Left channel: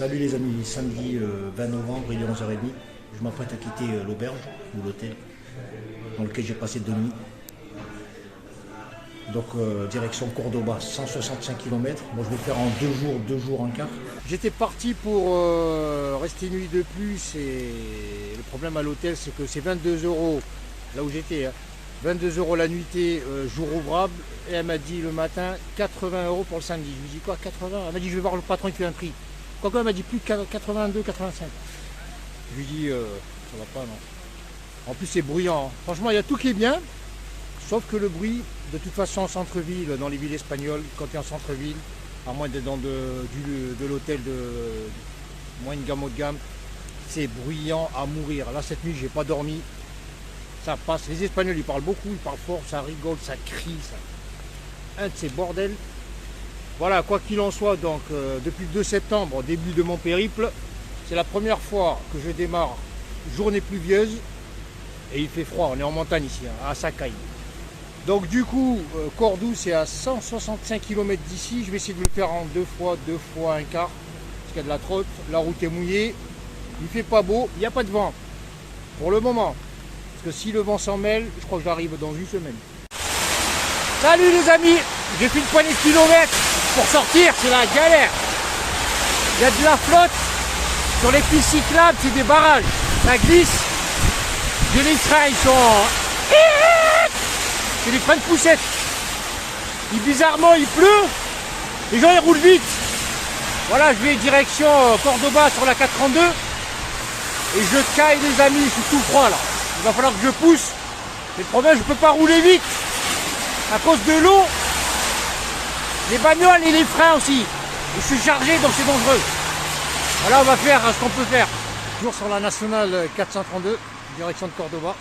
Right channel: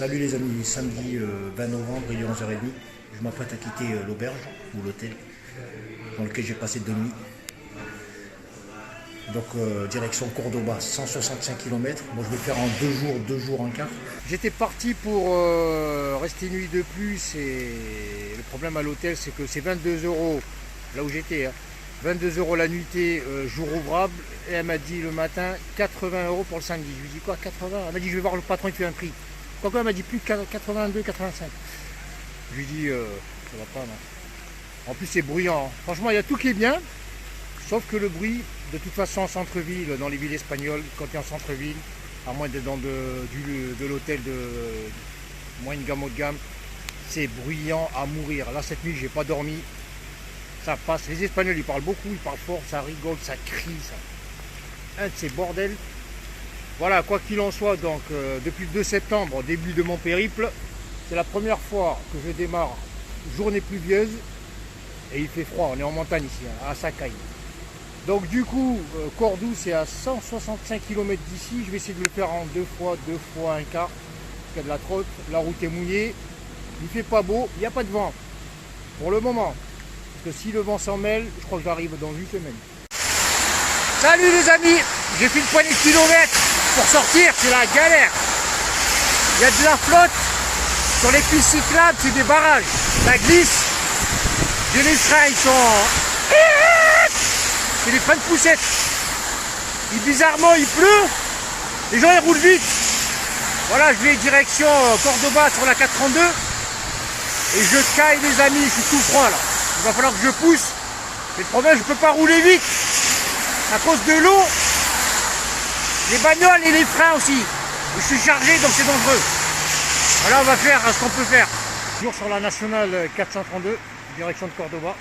Salut les amis, samedi 20 novembre, il est 11h30. Je m'apprête à quitter l'auberge ou l'hôtel dans lequel j'ai passé 2 nuits. Donc direction Cordoba, 165 km. Moi je vais faire en 2 jours, un quart. J'étais parti pour rester une nuit de plus et le problème à l'hôtel c'est que c'est 22 € là où j'étais. 22 € la nuitée, jour ouvrable. Et elle m'a dit le matin 80 € pour le samedi. Je lui dis quoi 80? Elle m'a dit je vais voir le patron, il fait un prix. Quoique elle m'a dit plus de 82, 85. Je lui dis ça va pas non. En plus c'est bruyant. Hein. Franchement il y a tout qui est bien. Sauf que le bruit, de toute façon en centre-ville, dans les villes espagnoles, quand tu es en centre-ville, à moins d'être dans de l'hôtel de moins de gamme haut de gamme, c'est bruyant à mourir. Là cette nuit j'ai pas dormi. Ça passe. Les Espagnols ils parlent beaucoup, ils parlent fort, ça rigole, ça crie, ça. Un de ces bordels. Voilà, quoi qu'il en soit, donc depuis le 2 septembre, début de mon périple, c'est la première fois que je démarre journée pluvieuse et il fait froid. On est en montagne ici, hein, à Sacaille. Donc du coup, Cordoue c'est à 165 km d'ici. Je vais essayer de le faire en deux fois un quart, parce qu'il y a de la trotte, la route est mouillée, il fait pas beau, il n'y a pas de vent pour le moment. Parce que si le vent s'en mêle, je crois que j'arrive dans une semaine. Salut les amis, j'ai fait une poignée de kilomètres pour sortir, c'est la galère. Il y a de la flotte sur les pistes cyclables, c'est des barrages, ça glisse. Les freins ils sont... C'est des freins de poussette. Bizarrement il pleut, les gens ils roulent vite. Voilà, je vais direction Cordoba sur la 432 et je caille les amis, je suis tout froid là. Il va falloir que je pousse. Mais le problème, je ne peux pas rouler vite. À cause de l'eau, les bagnoles et les freins aussi. Je suis chargé, donc c'est dangereux. Voilà, on va faire ce qu'on peut faire. Toujours sur la nationale 432, direction de Cordoba.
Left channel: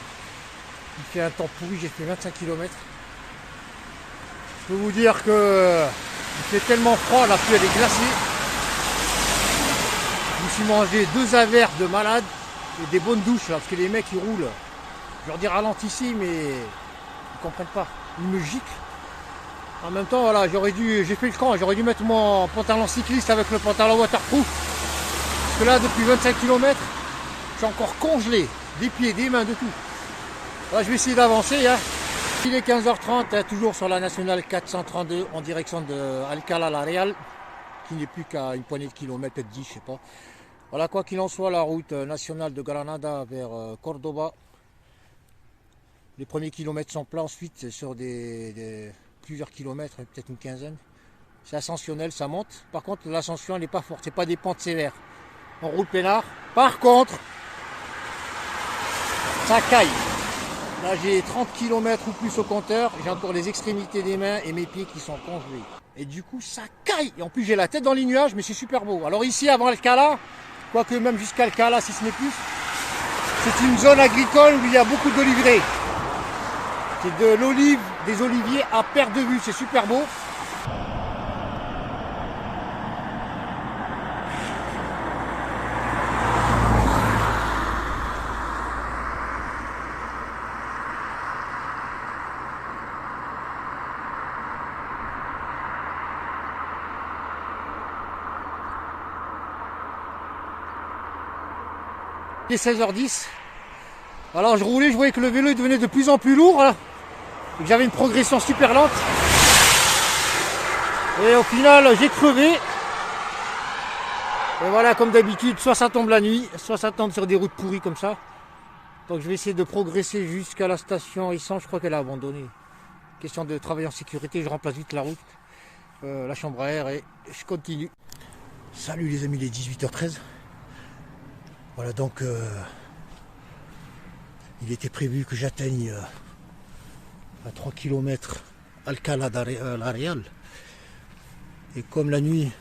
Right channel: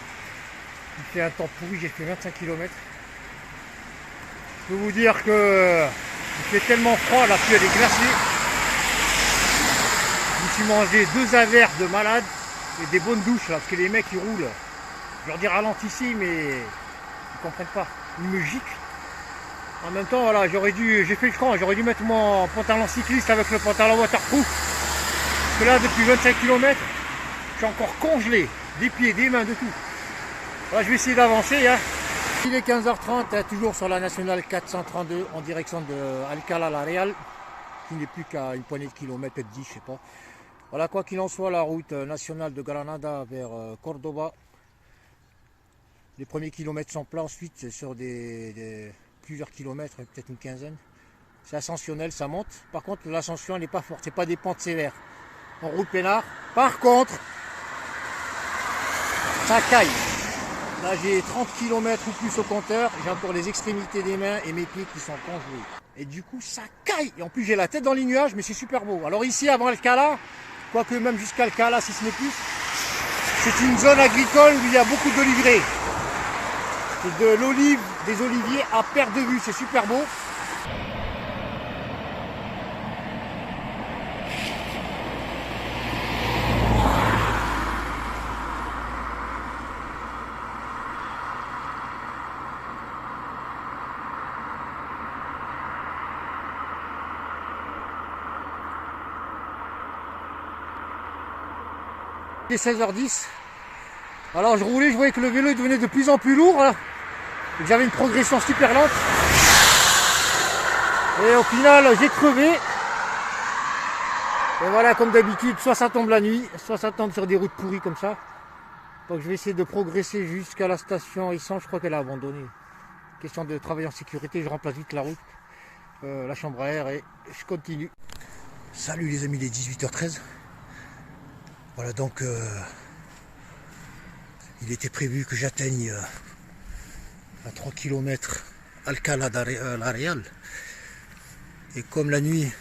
Il fait un temps pourri, j'ai fait 25 km. Je peux vous dire que il fait tellement froid, la pluie elle est glacée. Je me suis mangé 2 averses de malade et des bonnes douches là, parce que les mecs ils roulent. Je leur dis ralentissez, mais ils ne comprennent pas. Ils me giclent. En même temps, voilà, j'ai fait le camp, j'aurais dû mettre mon pantalon cycliste avec le pantalon waterproof. Parce que là, depuis 25 km, je suis encore congelé. Des pieds, des mains, de tout. Voilà, je vais essayer d'avancer. Hein. Il est 15h30, hein, toujours sur la nationale 432 en direction de Alcalá la Real, qui n'est plus qu'à une poignée de kilomètres, peut-être 10, je sais pas. Voilà, quoi qu'il en soit, la route nationale de Granada vers Cordoba. Les premiers kilomètres sont plats, ensuite c'est sur plusieurs kilomètres, peut-être une quinzaine. C'est ascensionnel, ça monte. Par contre l'ascension elle n'est pas forte, c'est pas des pentes sévères. On roule peinard. Par contre, ça caille. Là j'ai 30 km ou plus au compteur, j'ai encore les extrémités des mains et mes pieds qui sont congelés. Et du coup ça caille. Et en plus j'ai la tête dans les nuages, mais c'est super beau. Alors ici avant Alcalá, quoique même jusqu'à Alcalá si ce n'est plus, c'est une zone agricole où il y a beaucoup d'oliviers. C'est de l'olive, des oliviers à perte de vue, c'est super beau. Il est 16h10. Alors je roulais, je voyais que le vélo devenait de plus en plus lourd. Là. J'avais une progression super lente. Et au final, j'ai crevé. Et voilà, comme d'habitude, soit ça tombe la nuit, soit ça tombe sur des routes pourries comme ça. Donc je vais essayer de progresser jusqu'à la station Issan. Je crois qu'elle a abandonné. Question de travailler en sécurité, je remplace vite la route, la chambre à air et je continue. Salut les amis, il est 18h13. Voilà donc, il était prévu que j'atteigne à 3 km Alcalá la Real. Et comme la nuit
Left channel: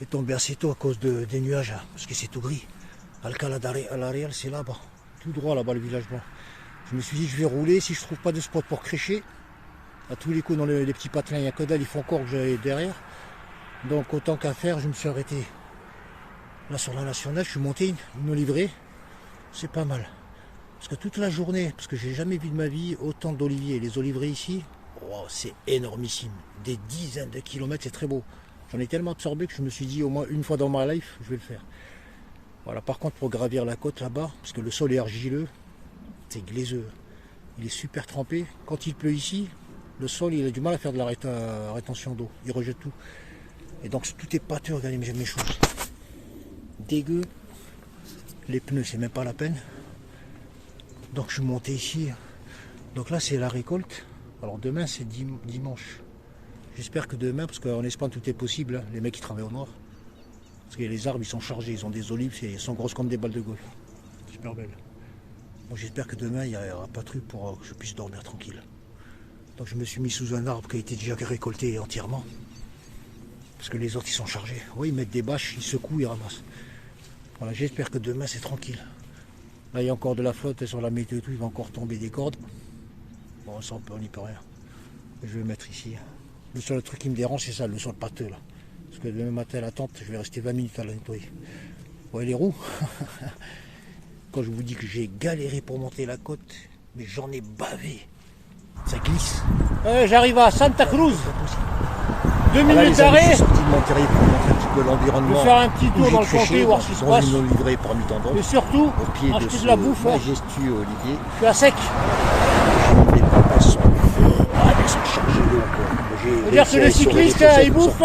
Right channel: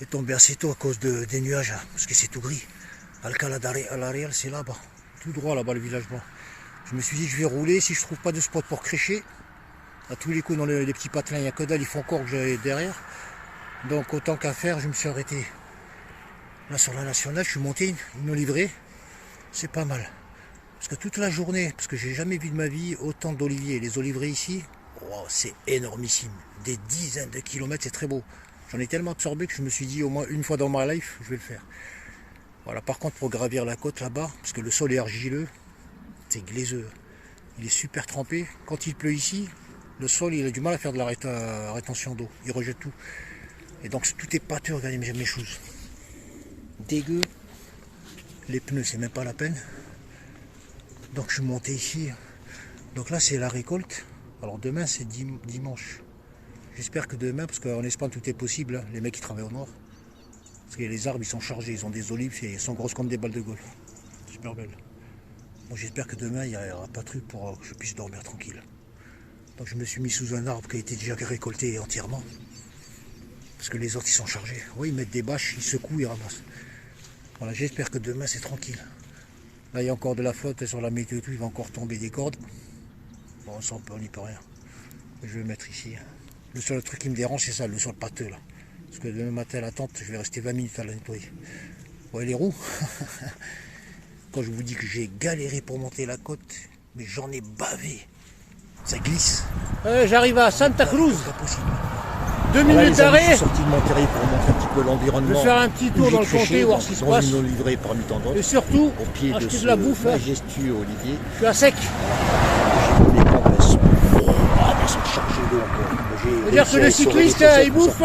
est tombée assez tôt à cause des nuages, parce que c'est tout gris, Alcalá la Real c'est là-bas, tout droit là-bas le village blanc. Je me suis dit je vais rouler, si je trouve pas de spot pour crécher, à tous les coups dans les petits patelins, il n'y a que dalle, il faut encore que j'aille derrière. Donc autant qu'à faire, je me suis arrêté là sur la nationale, je suis monté, ils m'ont livré, c'est pas mal. Parce que toute la journée, parce que j'ai jamais vu de ma vie autant d'oliviers. Les oliviers ici, oh, c'est énormissime. Des dizaines de kilomètres, c'est très beau. J'en ai tellement absorbé que je me suis dit au moins une fois dans ma life, je vais le faire. Voilà, par contre pour gravir la côte là-bas, parce que le sol est argileux, c'est glaiseux. Il est super trempé. Quand il pleut ici, le sol il a du mal à faire de la rétention d'eau. Il rejette tout. Et donc tout est pâteux, regardez mes choses. Dégueu. Les pneus, c'est même pas la peine. Donc je suis monté ici. Donc là c'est la récolte. Alors demain c'est dimanche. J'espère que demain, parce qu'en Espagne tout est possible, hein, les mecs qui travaillent au noir. Parce que les arbres ils sont chargés, ils ont des olives, ils sont grosses comme des balles de golf. Super belles. Bon, j'espère que demain il n'y aura pas de truc pour que je puisse dormir tranquille. Donc je me suis mis sous un arbre qui a été déjà récolté entièrement. Parce que les autres ils sont chargés. Oui, ils mettent des bâches, ils secouent, ils ramassent. Voilà, j'espère que demain c'est tranquille. Là il y a encore de la flotte sur la météo et tout, il va encore tomber des cordes. Bon, ça on n'y peut rien. Je vais le mettre ici. Le seul truc qui me dérange c'est ça, le sol pâteux là. Parce que demain matin à la tente, je vais rester 20 minutes à la nettoyer. Vous voyez les roues. Quand je vous dis que j'ai galéré pour monter la côte, mais j'en ai bavé. Ça glisse. J'arrive à Santa Cruz. 2 minutes d'arrêt. Je suis sorti de Monterrey pour montrer un petit peu l'environnement. Je vais faire un petit tour dans le comté, voir ce qui se passe. Dans une livrée parmi tant d'autres. Et surtout, au pied de ce majestueux olivier. Je suis à sec. J'ai mis les patates sont elles sont chargées d'eau. C'est-à-dire que le cycliste, il bouffe.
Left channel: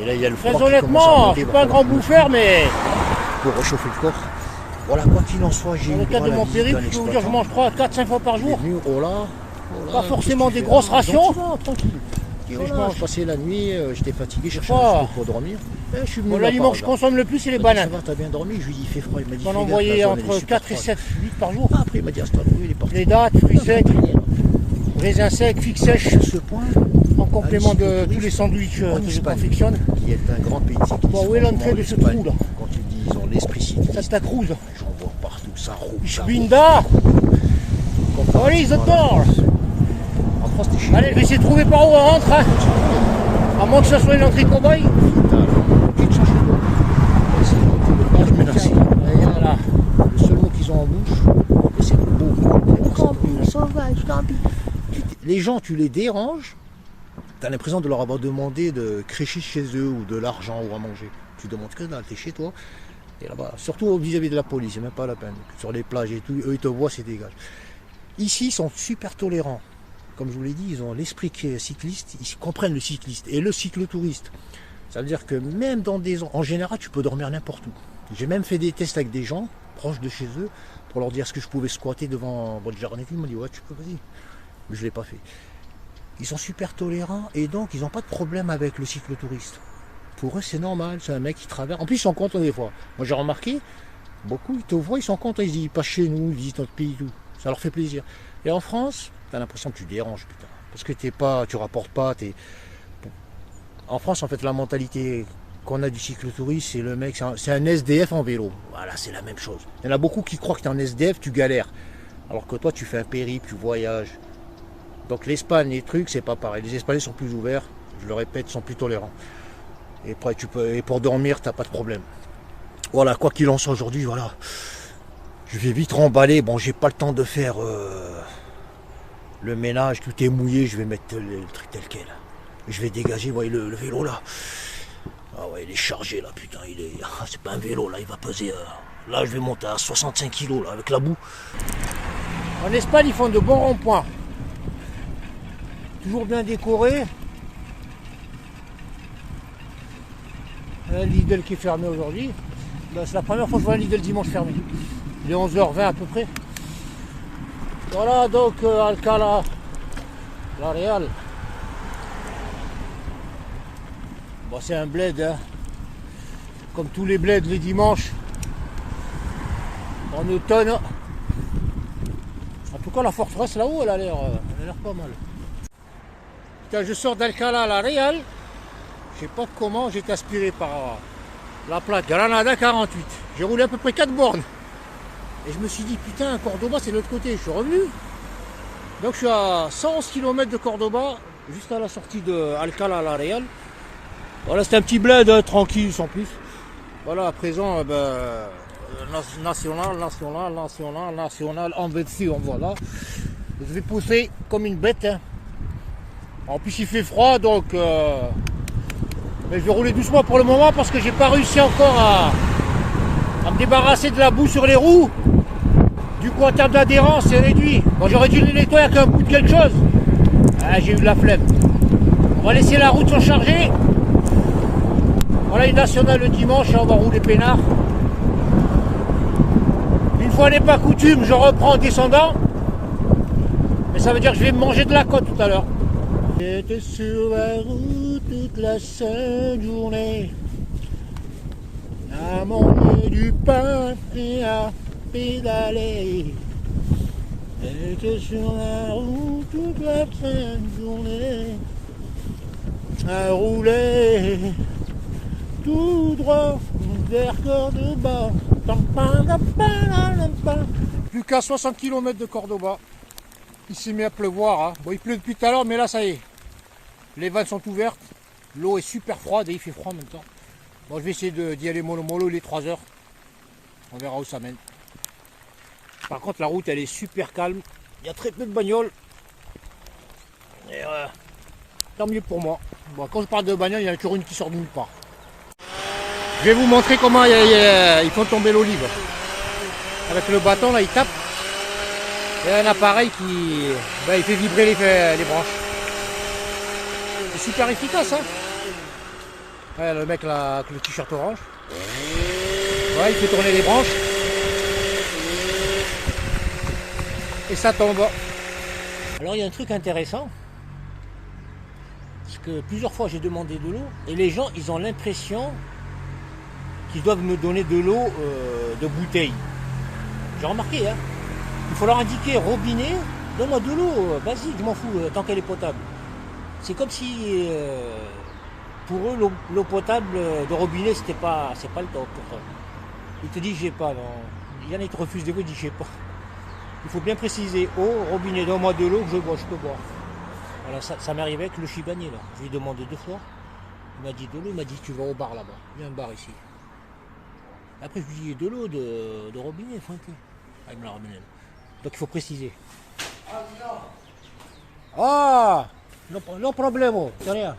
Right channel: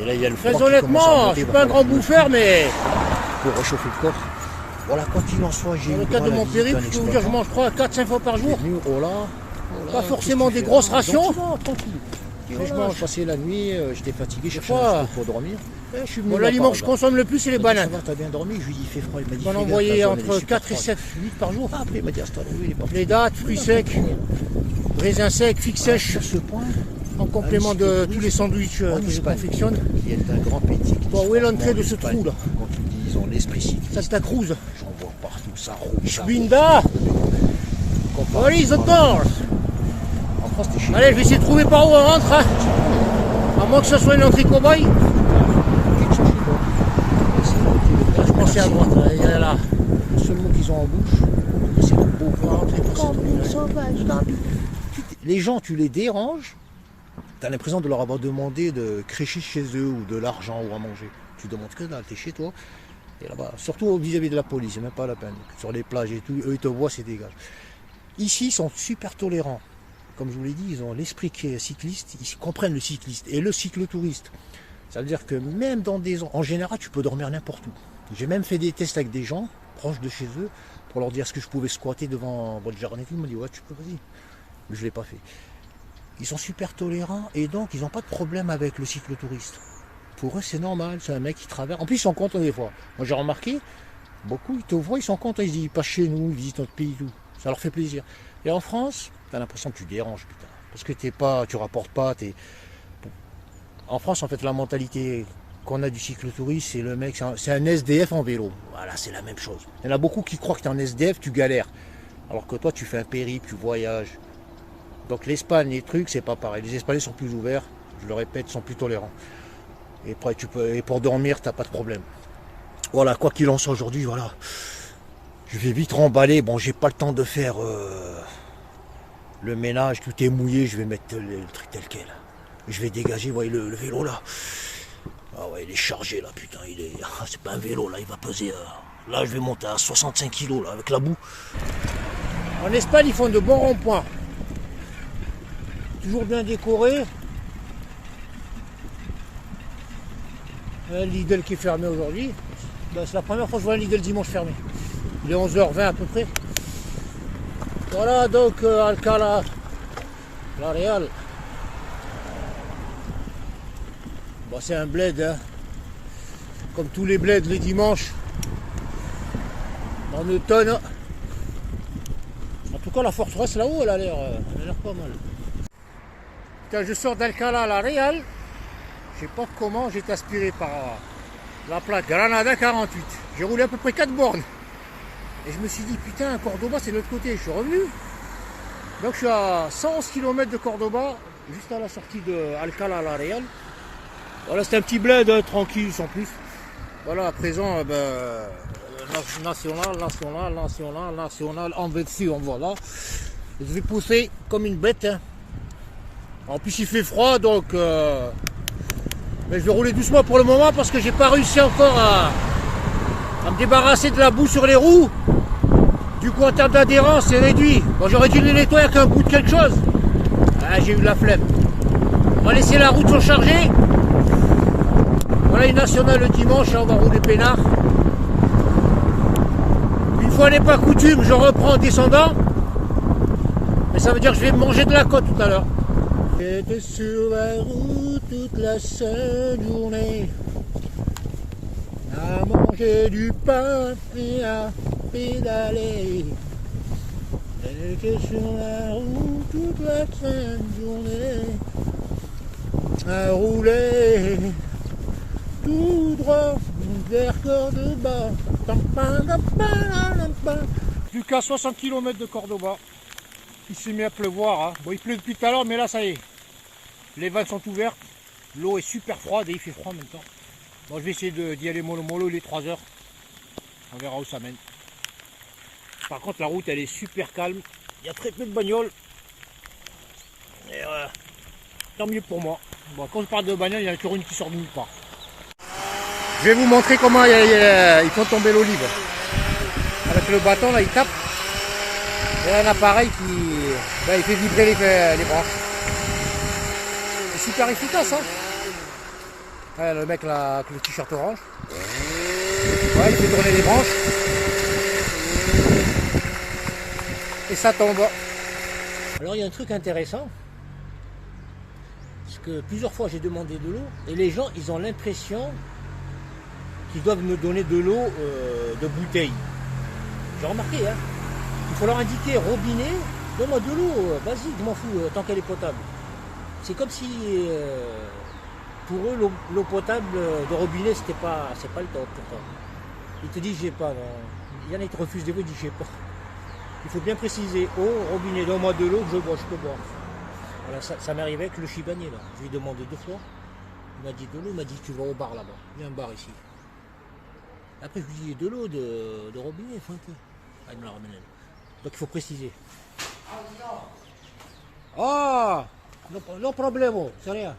Et là, il y a le froid. Très honnêtement, je suis pas un grand bouffeur, mais pour réchauffer le corps. Voilà, quoi qu'il en soit, j'ai eu le cadre de mon périple, je peux vous dire, je mange 3 à 4, 5 fois par jour. Pas forcément des grosses rations. Tranquille. Je mange passer la nuit, j'étais fatigué, je cherchais un truc pour dormir. L'aliment que je consomme le plus, c'est les bananes. Ça va, t'as bien dormi? Je lui ai dit, il fait froid. Il m'a dit, on envoyait entre 4 et 7, 8 par jour. Après, il m'a dit, les dattes, fruits secs, raisins secs, figues sèches. À ce point, en complément de tous les sandwichs que je confectionne. Il est un grand pays. Bon, où est l'entrée de ce trou là? Quand tu dis, ils ont l'esprit cycliste. Santa Cruz. J'en vois partout, ça roule. Binda. Allez, the doors. En France, t'es chez. Allez, je vais essayer de trouver par où on rentre. Hein. À moins que ce soit une entrée cow-boy. Quitte changer quoi. Là. Le seul mot qu'ils ont en bouche, c'est le beau. Camping sauvage, camping. Les gens, tu les déranges. Tu as l'impression de leur avoir demandé de crécher chez eux ou de l'argent ou à manger. Tu demandes que dalle, t'es chez toi. Et là-bas, surtout vis-à-vis de la police, c'est même pas la peine. Sur les plages et tout, eux ils te voient, c'est dégage. Ici, ils sont super tolérants. Comme je vous l'ai dit, ils ont l'esprit cycliste, ils comprennent le cycliste et le cyclotouriste. Ça veut dire que même dans des... En général, tu peux dormir n'importe où. J'ai même fait des tests avec des gens proches de chez eux pour leur dire est-ce que je pouvais squatter devant votre jardin. Ils m'ont dit ouais, tu peux, vas-y. Mais je ne l'ai pas fait. Ils sont super tolérants et donc ils n'ont pas de problème avec le cyclotouriste. Pour eux, c'est normal, c'est un mec qui traverse. En plus, ils sont contents des fois. Moi, j'ai remarqué, beaucoup, ils te voient, ils sont contents. Ils se disent, pas chez nous, ils visitent notre pays, tout. Ça leur fait plaisir. Et en France, tu as l'impression que tu déranges, putain. Parce que tu rapportes pas. En France, en fait, la mentalité qu'on a du cyclotouriste, c'est le mec, c'est un SDF en vélo. Voilà, c'est la même chose. Il y en a beaucoup qui croient que tu es un SDF, tu galères. Alors que toi, tu fais un périple, tu voyages. Donc l'Espagne, les trucs, c'est pas pareil. Les Espagnols sont plus ouverts, je le répète, sont plus tolérants. Et pour dormir, t'as pas de problème. Voilà, quoi qu'il en soit aujourd'hui, voilà. Je vais vite remballer. Bon, j'ai pas le temps de faire le ménage, tout est mouillé, je vais mettre le truc tel quel. Je vais dégager, vous voyez le vélo là. Ah ouais, il est chargé là, putain, c'est pas un vélo là, il va peser. Là, je vais monter à 65 kg là, avec la boue. En Espagne, ils font de bons ronds-points. Toujours bien décoré. Un Lidl qui est fermé aujourd'hui. Ben, c'est la première fois que je vois un Lidl dimanche fermé. Il est 11h20 à peu près. Voilà donc Alcalá la Real. Bon, c'est un bled, hein. Comme tous les bleds les dimanches. En automne. En tout cas, la forteresse là-haut, elle a l'air pas mal. Quand je sors d'Alcalá la Real, je sais pas comment j'ai été aspiré par la plaque Granada 48. J'ai roulé à peu près 4 bornes. Et je me suis dit, putain, Cordoba c'est de l'autre côté. Je suis revenu. Donc je suis à 111 km de Cordoba, juste à la sortie de Alcalá la Real. Voilà, c'est un petit bled tranquille sans plus. Voilà, à présent, national, en version, voilà. Je vais pousser comme une bête. Hein. En plus il fait froid, donc Mais je vais rouler doucement pour le moment parce que j'ai pas réussi encore à me débarrasser de la boue sur les roues. Du coup, en termes d'adhérence, c'est réduit. Bon, j'aurais dû les nettoyer avec un bout de quelque chose. Ah, j'ai eu de la flemme. On va laisser la route surcharger. Voilà une nationale le dimanche, on va rouler peinard. Une fois n'est pas coutume, je reprends en descendant. Mais ça veut dire que je vais me manger de la côte tout à l'heure. J'étais sur la route toute la sainte journée, à manger du pain et à pédaler. J'étais sur la route toute la sainte journée, à rouler tout droit vers Cordoba. Plus qu'à 60 km de Cordoba. Il s'est mis à pleuvoir. Hein. Bon, il pleut depuis tout à l'heure, mais là, ça y est. Les vannes sont ouvertes. L'eau est super froide et il fait froid en même temps. Bon, je vais essayer d'y aller mollo mollo. Il est 3 heures. On verra où ça mène. Par contre, la route, elle est super calme. Il y a très peu de bagnoles. Et tant mieux pour moi. Bon, quand je parle de bagnole, il y en a toujours une qui sort de nulle part. Je vais vous montrer comment ils font tomber l'olive. Avec le bâton, là, il tape. Il y a un appareil qui il fait vibrer les branches. C'est super efficace, hein. Ouais, le mec là, avec le t-shirt orange. Ouais, il fait tourner les branches. Et ça tombe. Alors il y a un truc intéressant. Parce que plusieurs fois j'ai demandé de l'eau. Et les gens, ils ont l'impression qu'ils doivent me donner de l'eau de bouteille. J'ai remarqué, hein. Il faut leur indiquer robinet, donne-moi de l'eau, vas-y, je m'en fous, tant qu'elle est potable. C'est comme si pour eux l'eau potable de robinet c'est pas le top. Ils te disent j'ai pas, non. Il y en a qui te refusent des fois, ils disent j'ai pas. Il faut bien préciser, eau, robinet, donne-moi de l'eau, je peux boire. Voilà, ça m'est arrivé avec le chibanier là. Je lui ai demandé 2 fois. Il m'a dit de l'eau, il m'a dit tu vas au bar là-bas. Il y a un bar ici. Après je lui ai dit de l'eau de robinet, Francky. Ah, il me l'a ramené. Donc il faut préciser. Ah, non problème, c'est rien.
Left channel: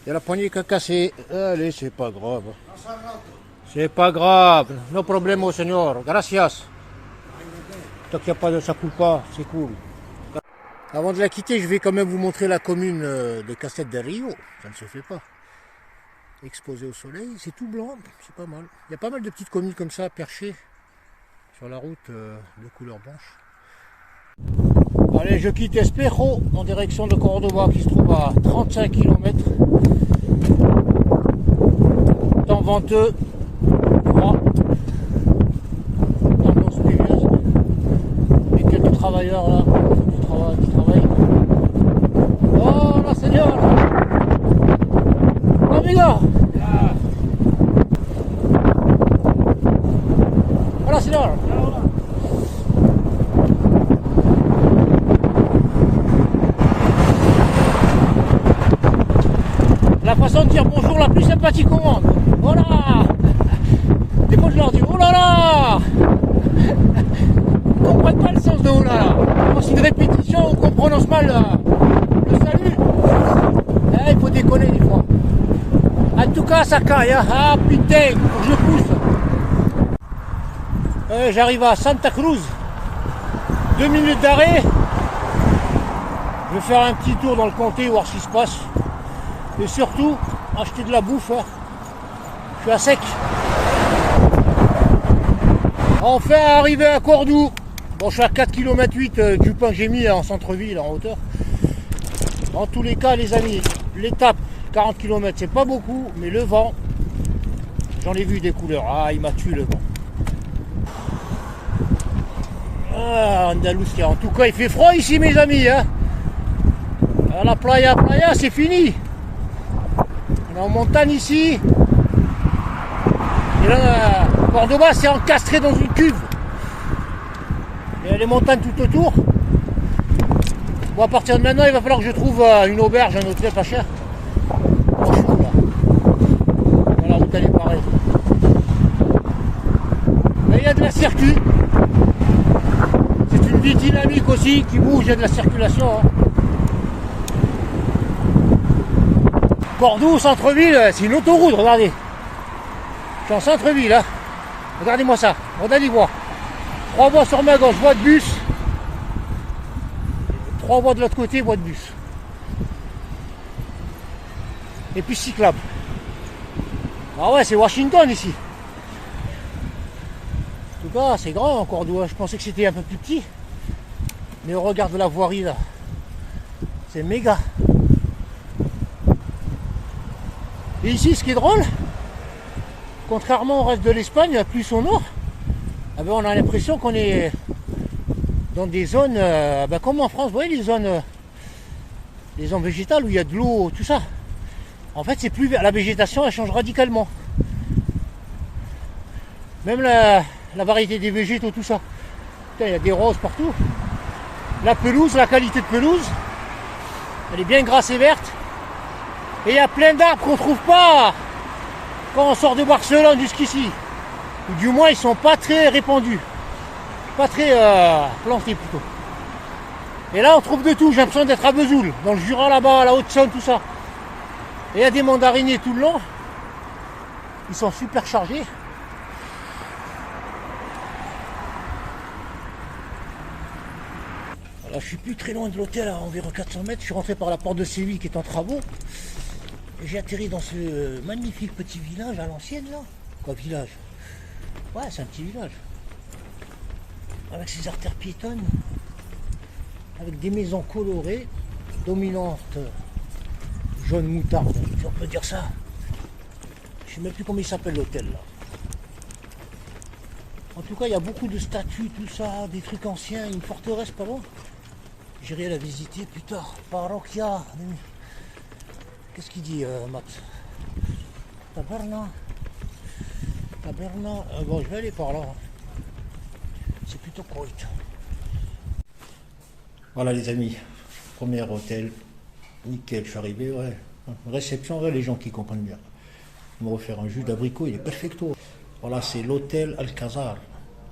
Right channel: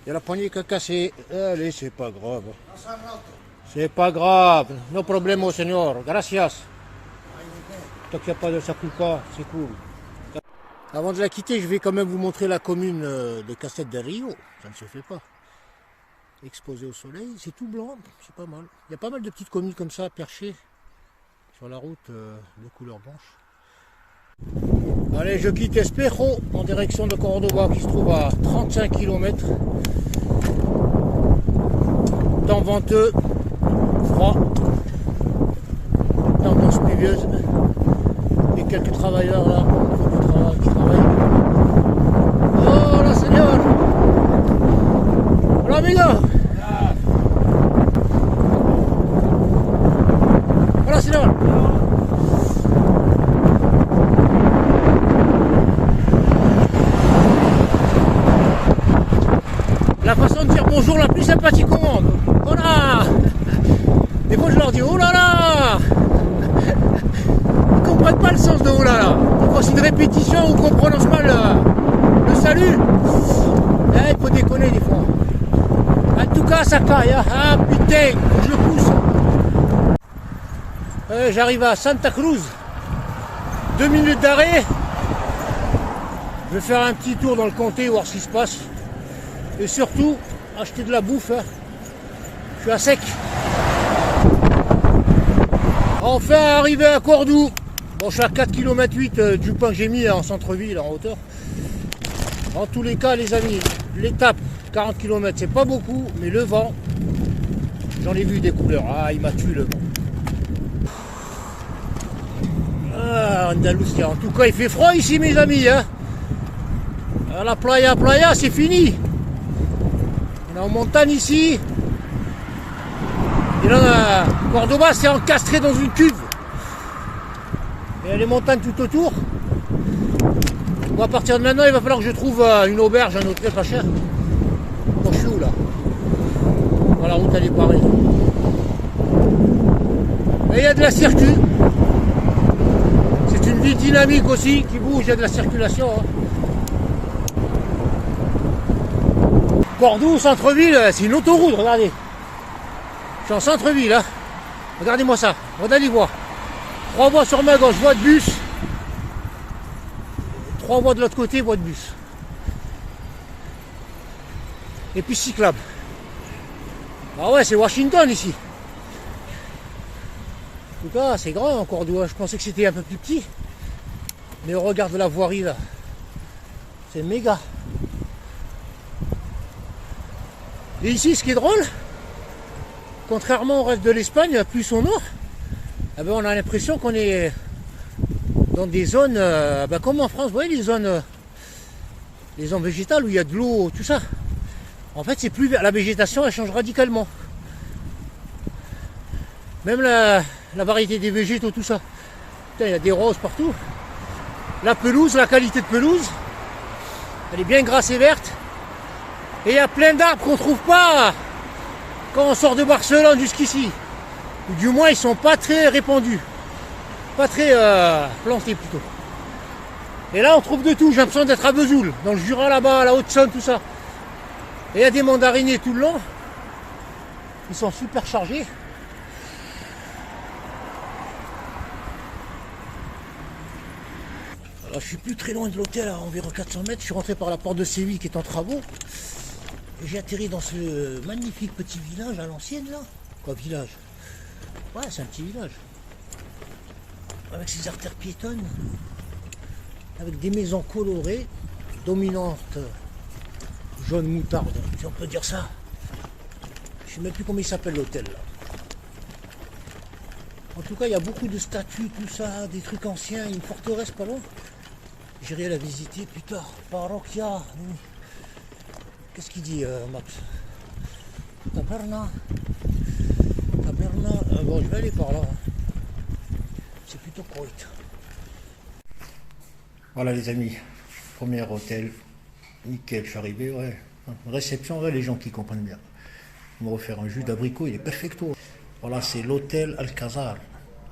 Il y a la poignée qui a cassé. Allez, c'est pas grave. C'est pas grave. No problème, señor. Gracias. Tant qu'il n'y a pas de ça coule pas, c'est cool. Avant de la quitter, je vais quand même vous montrer la commune de Castel del Rio. Ça ne se fait pas. Exposé au soleil, c'est tout blanc, c'est pas mal. Il y a pas mal de petites communes comme ça, perchées sur la route de couleur blanche. Allez, je quitte Espejo en direction de Cordoba qui se trouve à 35 km. Temps venteux, froid, tendance pluvieuse. Et quelques travailleurs là qui travaillent. Oh la Seigneur! Hola amigo! Hola Seigneur! La façon de dire bonjour la plus sympathique au monde. Oh là! Des fois je leur dis oh là là! Ils ne comprennent pas le sens de oh là là. Quand c'est une répétition ou qu'on prononce mal le salut, il faut déconner des fois. En tout cas ça caille, hein. Ah putain, faut que je le pousse. J'arrive à Santa Cruz. 2 minutes d'arrêt. Je vais faire un petit tour dans le comté, voir ce qui se passe. Et surtout, acheter de la bouffe. Hein. Je suis à sec. Enfin arrivé à Cordoue. Bon, je suis à 4,8 km du point que j'ai mis en centre-ville, en hauteur. En tous les cas, les amis, l'étape 40 km, c'est pas beaucoup, mais le vent, j'en ai vu des couleurs. Ah, il m'a tué le vent. Ah, Andalusia. En tout cas, il fait froid ici, mes amis. Hein. À la playa, c'est fini. On est en montagne ici. Et là, Cordoba, c'est encastré dans une cuve. Il y a les montagnes tout autour. Bon, à partir de maintenant, il va falloir que je trouve une auberge, un hôtel pas cher. Bon, je suis où là? Dans la route, elle est pareille. Mais il y a de la circulation. C'est une ville dynamique aussi, qui bouge, il y a de la circulation. Hein. Cordoue, centre-ville, c'est une autoroute, regardez. Je suis en centre-ville, hein. Regardez-moi ça, regardez voir. 3 voies sur ma gauche, voie de bus. 3 voies de l'autre côté, voie de bus. Et puis cyclable. Ah ouais, c'est Washington ici. En tout cas, c'est grand en Cordoue. Je pensais que c'était un peu plus petit. Mais regarde la voirie là. C'est méga. Et ici, ce qui est drôle, contrairement au reste de l'Espagne, plus au nord, eh ben, on a l'impression qu'on est dans des zones, comme en France, vous voyez les zones végétales où il y a de l'eau, tout ça. En fait, c'est plus la végétation, elle change radicalement. Même la variété des végétaux, tout ça. Putain, il y a des roses partout. La pelouse, la qualité de pelouse, elle est bien grasse et verte. Et il y a plein d'arbres qu'on ne trouve pas quand on sort de Barcelone jusqu'ici. Ou du moins, ils sont pas très répandus. Pas très plantés plutôt. Et là, on trouve de tout. J'ai l'impression d'être à Vesoul, dans le Jura là-bas, à la Haute-Saône, tout ça. Et il y a des mandariniers tout le long. Ils sont super chargés. Alors, je suis plus très loin de l'hôtel, à environ 400 mètres. Je suis rentré par la porte de Séville qui est en travaux. Et j'ai atterri dans ce magnifique petit village à l'ancienne là. Quoi, village? Ouais, c'est un petit village. Avec ses artères piétonnes. Avec des maisons colorées, dominantes jaune moutarde, si on peut dire ça. Je ne sais même plus comment il s'appelle l'hôtel là. En tout cas, il y a beaucoup de statues, tout ça, des trucs anciens, une forteresse pas loin. J'irai la visiter plus tard. Parroquia. Qu'est-ce qu'il dit, Max? Taberna. Bon, je vais aller par là. C'est plutôt correct. Voilà les amis. Premier hôtel. Nickel, je suis arrivé, ouais. Réception, ouais, les gens qui comprennent bien. Ils m'ont offert un jus d'abricot, il est perfecto. Voilà, c'est l'hôtel Alcazar.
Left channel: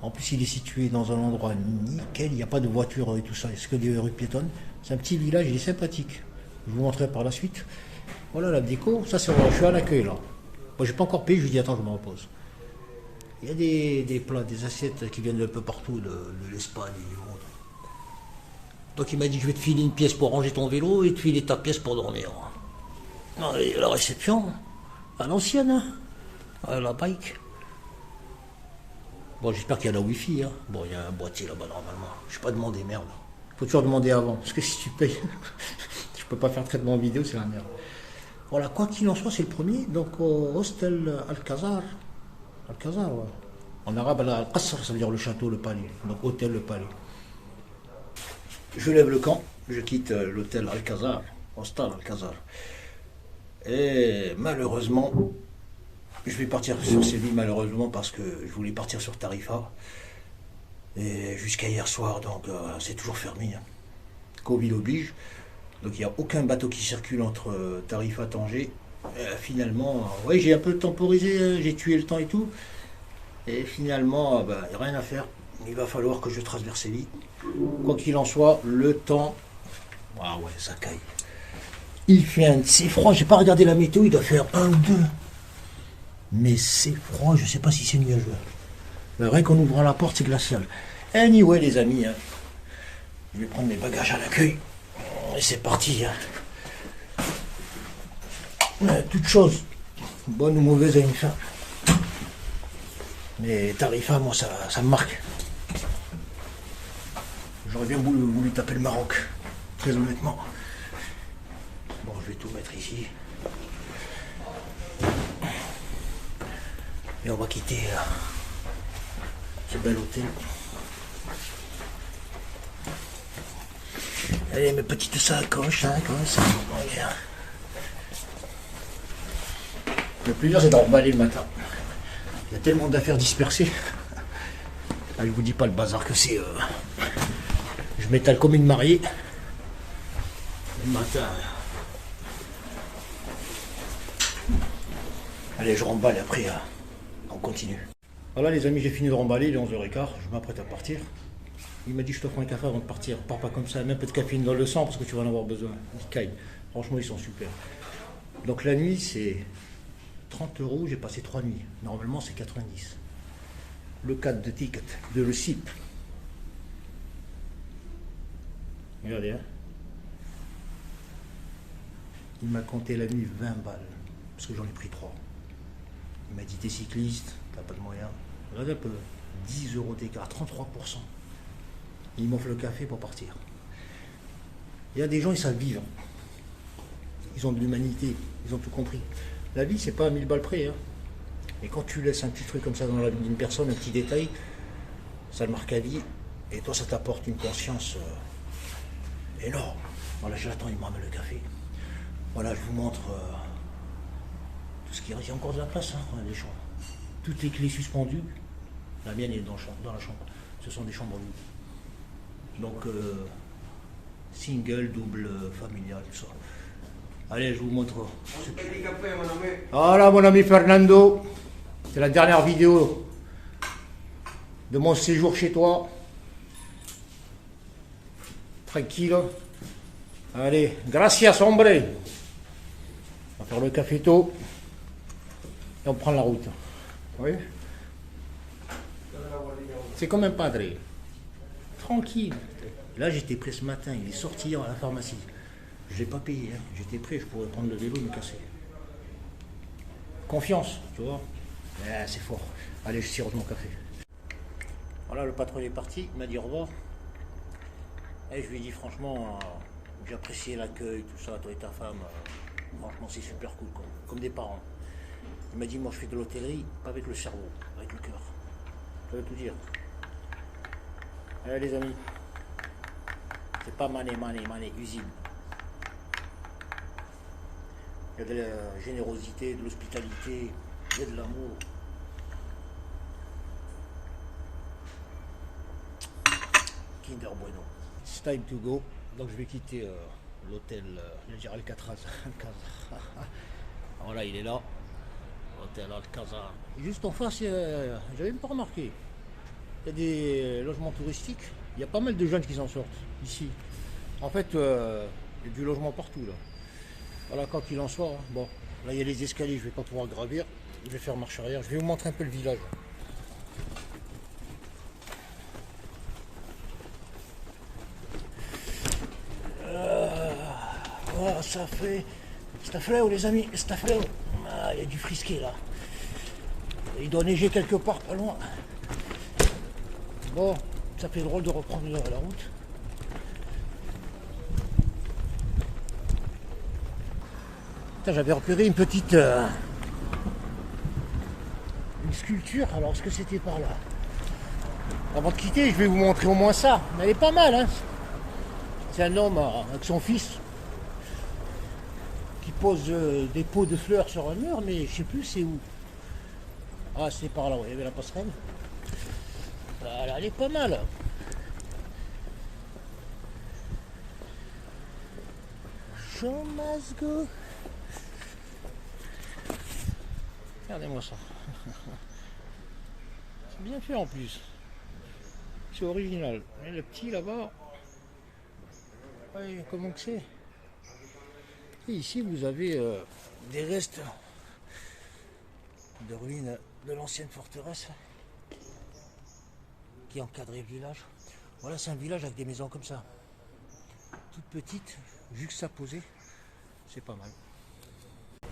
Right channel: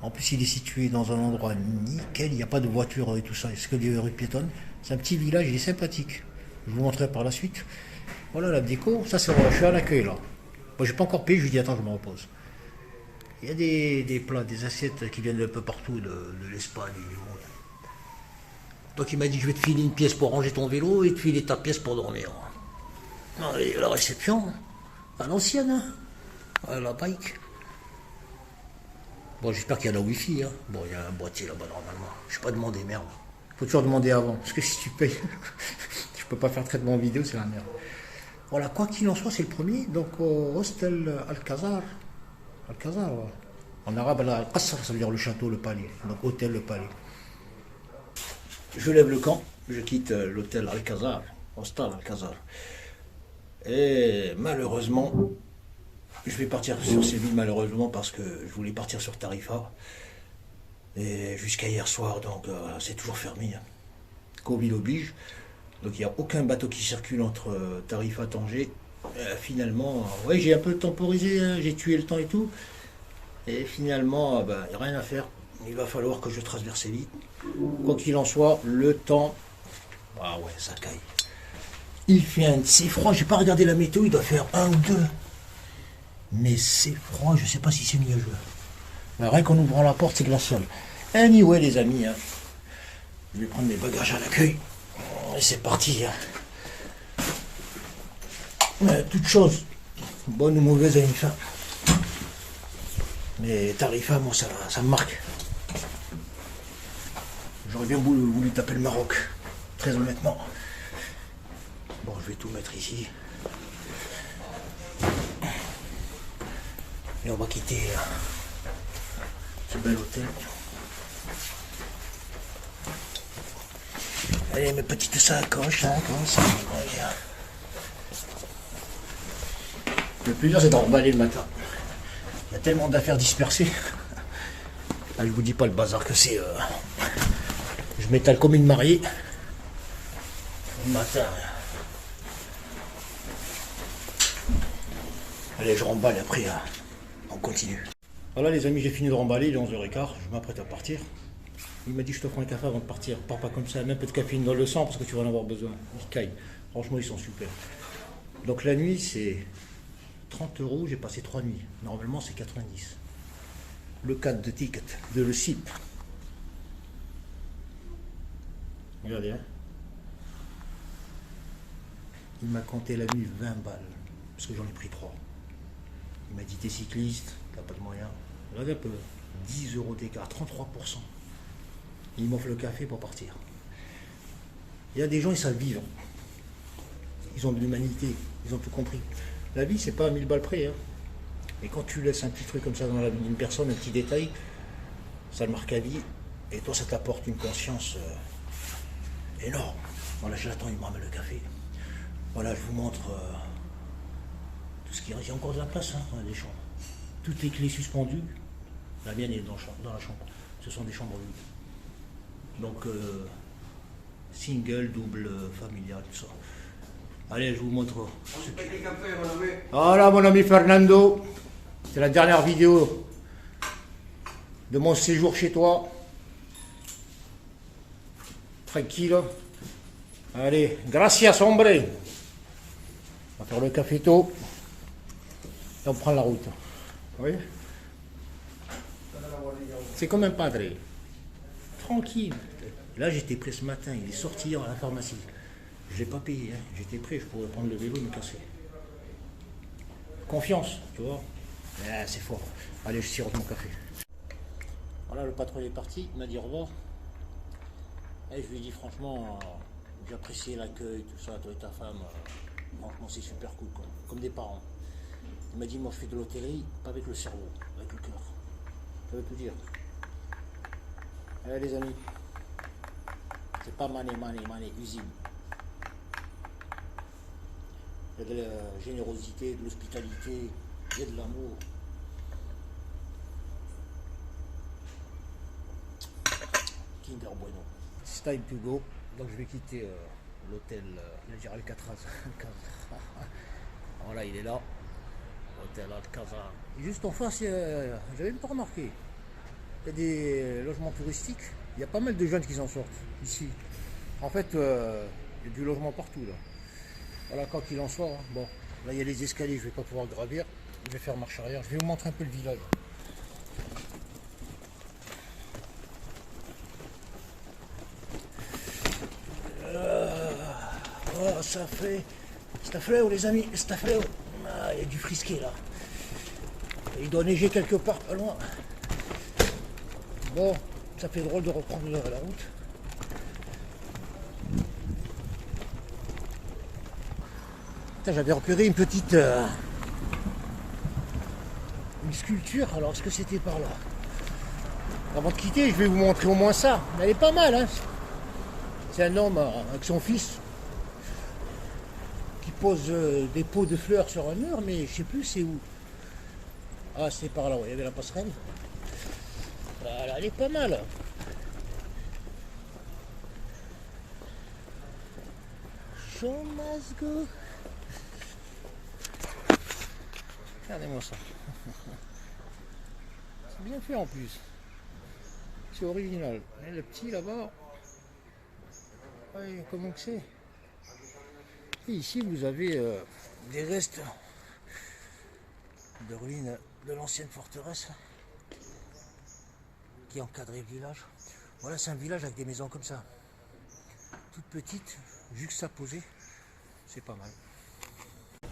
En plus, il est situé dans un endroit nickel, il n'y a pas de voiture et tout ça, c'est que des rues piétonnes. C'est un petit village, il est sympathique. Je vous montrerai par la suite. Voilà la déco, ça c'est, je suis à l'accueil là. Moi, j'ai pas encore payé, je lui dis attends, je me repose. Il y a des plats, des assiettes qui viennent d'un peu partout de l'Espagne et du monde. Donc il m'a dit je vais te filer une pièce pour ranger ton vélo et te filer ta pièce pour dormir. Non, et la réception, à l'ancienne, hein. La bike. Bon, j'espère qu'il y a la wifi, hein. Bon, il y a un boîtier là-bas normalement. Je vais pas demander, merde. Faut toujours demander avant, parce que si tu payes, je peux pas faire traitement vidéo, c'est la merde. Voilà, quoi qu'il en soit, c'est le premier. Donc Hostel Alcazar. Alcazar, ouais. En arabe, Al-Qasr, ça veut dire le château, le palais. Donc hôtel, le palais. Je lève le camp, je quitte l'hôtel Alcazar, Hostel Alcazar. Et malheureusement, je vais partir sur Séville, malheureusement, parce que je voulais partir sur Tarifa. Et jusqu'à hier soir, donc c'est toujours fermé. Hein. Covid oblige. Donc il n'y a aucun bateau qui circule entre Tarifa et Tanger. Finalement, ouais, j'ai un peu temporisé, hein, j'ai tué le temps et tout. Et finalement, il n'y a rien à faire. Il va falloir que je traverse Séville. Quoi qu'il en soit, le temps... Ah ouais, ça caille. Il fait c'est froid, j'ai pas regardé la météo, il doit faire 1 ou 2. Mais c'est froid, je sais pas si c'est nuageux. Mais rien qu'en ouvrant la porte, c'est glacial. Anyway, les amis, hein, je vais prendre mes bagages à l'accueil. Et c'est parti. Hein. Toute chose, bonne ou mauvaise, a une fin. Mais Tarifa, moi, ça me marque. J'aurais bien voulu taper le Maroc, très honnêtement. Bon, je vais tout mettre ici. Et on va quitter ce bel hôtel. Allez, mes petites sacoches, hein, comme ça. Regarde. Le plus dur, c'est d'en remballer le matin. Il y a tellement d'affaires dispersées. Là, je vous dis pas le bazar que c'est. Je m'étale comme une mariée. Le matin. Allez, je remballe et après, on continue. Voilà les amis, j'ai fini de remballer, il est 11h15, je m'apprête à partir. Il m'a dit je t'offre un café avant de partir. Pars pas comme ça, même un peu de caféine dans le sang parce que tu vas en avoir besoin. Ils caillent. Franchement, ils sont super. Donc la nuit c'est 30 €, j'ai passé 3 nuits. Normalement c'est 90. Le cadre de ticket de le SIP. Regardez, hein. Il m'a compté la nuit 20 balles. Parce que j'en ai pris 3. Il m'a dit t'es cycliste, t'as pas de moyens. Regardez un peu. 10 € d'écart, 33%. Il m'offre le café pour partir. Il y a des gens, ils savent vivre. Ils ont de l'humanité, ils ont tout compris. La vie, c'est pas à 1000 balles près. Hein. Et quand tu laisses un petit truc comme ça dans la vie d'une personne, un petit détail, ça le marque à vie. Et toi, ça t'apporte une conscience énorme. Voilà, je l'attends, il me ramène le café. Voilà, je vous montre tout ce qu'il y a. Il y a encore de la place, hein, dans les chambres. Toutes les clés suspendues. La mienne est dans la chambre. Ce sont des chambres vides. Donc, single, double, familial, tout ça. Allez, je vous montre. Voilà, mon ami Fernando. C'est la dernière vidéo de mon séjour chez toi. Tranquille. Allez, gracias, hombre. On va faire le café tôt. Et on prend la route. Oui. C'est comme un padre. Tranquille. Là, j'étais prêt ce matin. Il est sorti hier à la pharmacie. Je ne l'ai pas payé. Hein. J'étais prêt. Je pourrais prendre le vélo et me casser. Confiance, tu vois. C'est fort. Allez, je sirote mon café. Voilà, le patron est parti. Il m'a dit au revoir. Et je lui ai dit franchement, j'ai apprécié l'accueil, tout ça, toi et ta femme. Franchement, c'est super cool, comme des parents. Il m'a dit, moi je fais de l'hôtellerie, pas avec le cerveau, avec le cœur. Ça veut tout dire. Allez les amis, c'est pas mané, usine. Il y a de la générosité, de l'hospitalité, il y a de l'amour. Kinder Bueno. It's time to go. Donc je vais quitter l'hôtel Alcatraz. Voilà, il est là. Hôtel Alcazar. Juste en face, j'avais même pas remarqué. Il y a des logements touristiques. Il y a pas mal de jeunes qui s'en sortent ici. En fait, il y a du logement partout là. Voilà, quand il en soit. Hein. Bon, là il y a les escaliers, je vais pas pouvoir gravir. Je vais faire marche arrière. Je vais vous montrer un peu le village. Oh, ça fait les amis, ça fait. Ah, il y a du frisquet là. Il doit neiger quelque part pas loin. Bon, ça fait drôle de reprendre la route. J'avais repéré une petite une sculpture. Alors, est-ce que c'était par là? Avant de quitter, je vais vous montrer au moins ça. Elle est pas mal, hein. C'est un homme avec son fils qui pose des pots de fleurs sur un mur, mais je sais plus c'est où. Ah, c'est par là, il y avait la passerelle. Voilà, elle est pas mal. Show must go. Regardez-moi ça. C'est bien fait en plus. C'est original. Et le petit là-bas. Ouais, comment que c'est? Et ici vous avez des restes de ruines de l'ancienne forteresse qui encadrait le village. Voilà, c'est un village avec des maisons comme ça, toutes petites, juxtaposées. C'est pas mal.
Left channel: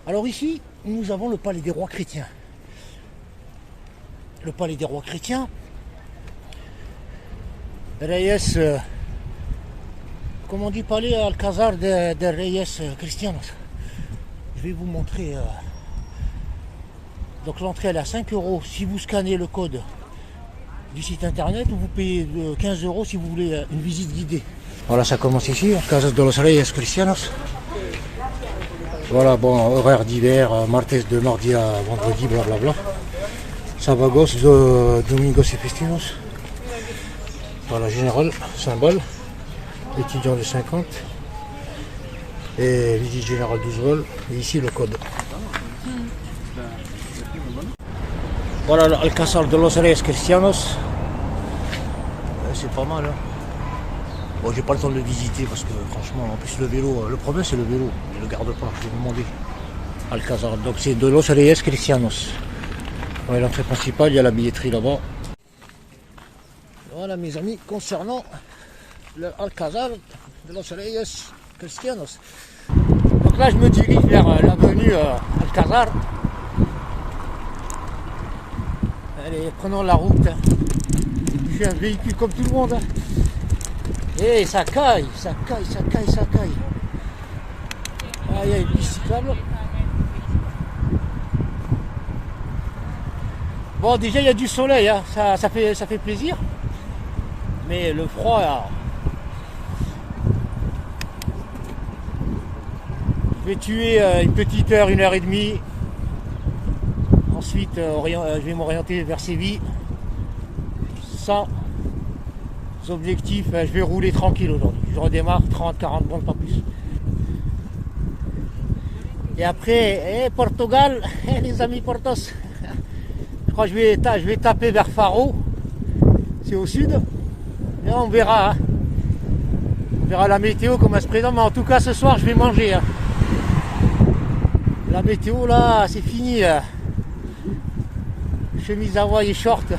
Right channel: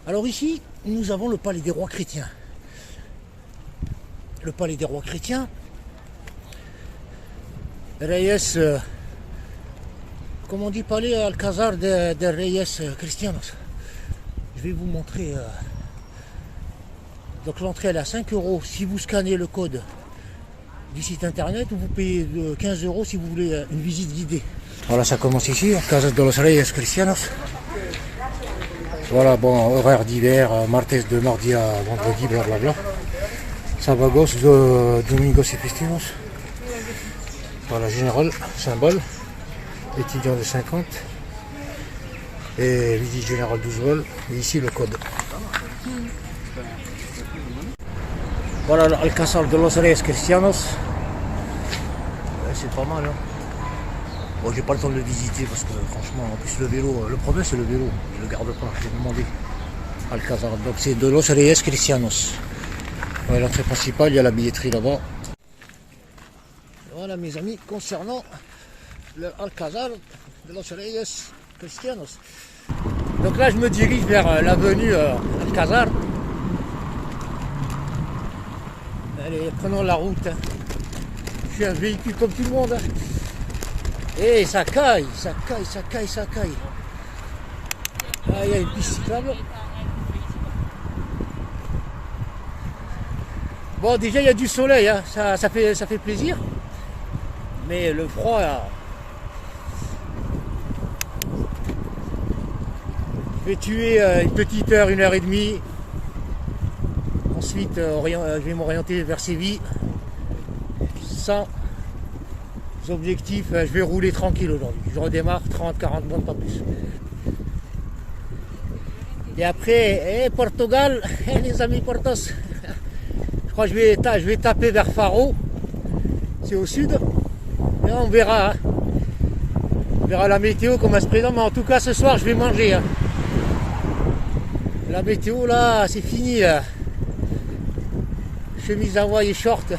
Alors ici, nous avons le palais des rois chrétiens. Le palais des rois chrétiens, Reyes, comme on dit, palais Alcazar de Reyes Cristianos. Je vais vous montrer. Donc l'entrée elle est à 5 € si vous scannez le code du site internet, ou vous payez 15 € si vous voulez une visite guidée. Voilà, ça commence ici, Casas de los Reyes Cristianos. Voilà, bon, horaire d'hiver, martes de mardi à vendredi, blablabla. Sabagos, domingos et festivos. Voilà, général, symbole. Étudiant de 50. Et visite générale 12 vols. Et ici le code. Voilà l'Alcázar de los Reyes Cristianos. C'est pas mal. Hein. Bon, j'ai pas le temps de le visiter parce que franchement, en plus le vélo, le problème c'est le vélo. Il le garde pas, j'ai demandé. Alcazar. Donc c'est de Los Reyes Cristianos. Ouais, l'entrée principale, il y a la billetterie là-bas. Voilà mes amis, concernant le Alcazar de Los Reyes Cristianos. Donc là je me dirige vers l'avenue Alcazar. Allez, prenons la route. Je suis un véhicule comme tout le monde. Et ça caille, ça caille, ça caille, ça caille. Là il y a une piste cyclable. Bon, déjà il y a du soleil, hein. Ça fait plaisir. Mais le froid là. Je vais tuer une petite heure, 1h30. Ensuite, je vais m'orienter vers Séville. Sans objectif, je vais rouler tranquille aujourd'hui. Je redémarre 30-40 bornes, pas plus. Et après, Portugal, les amis Portos. Je crois que je vais taper vers Faro. C'est au sud. Et on verra. Hein. On verra la météo comment elle se présente. Mais en tout cas, ce soir, je vais manger. Hein. La météo, là, c'est fini. Là. Chemise Hawaï et short.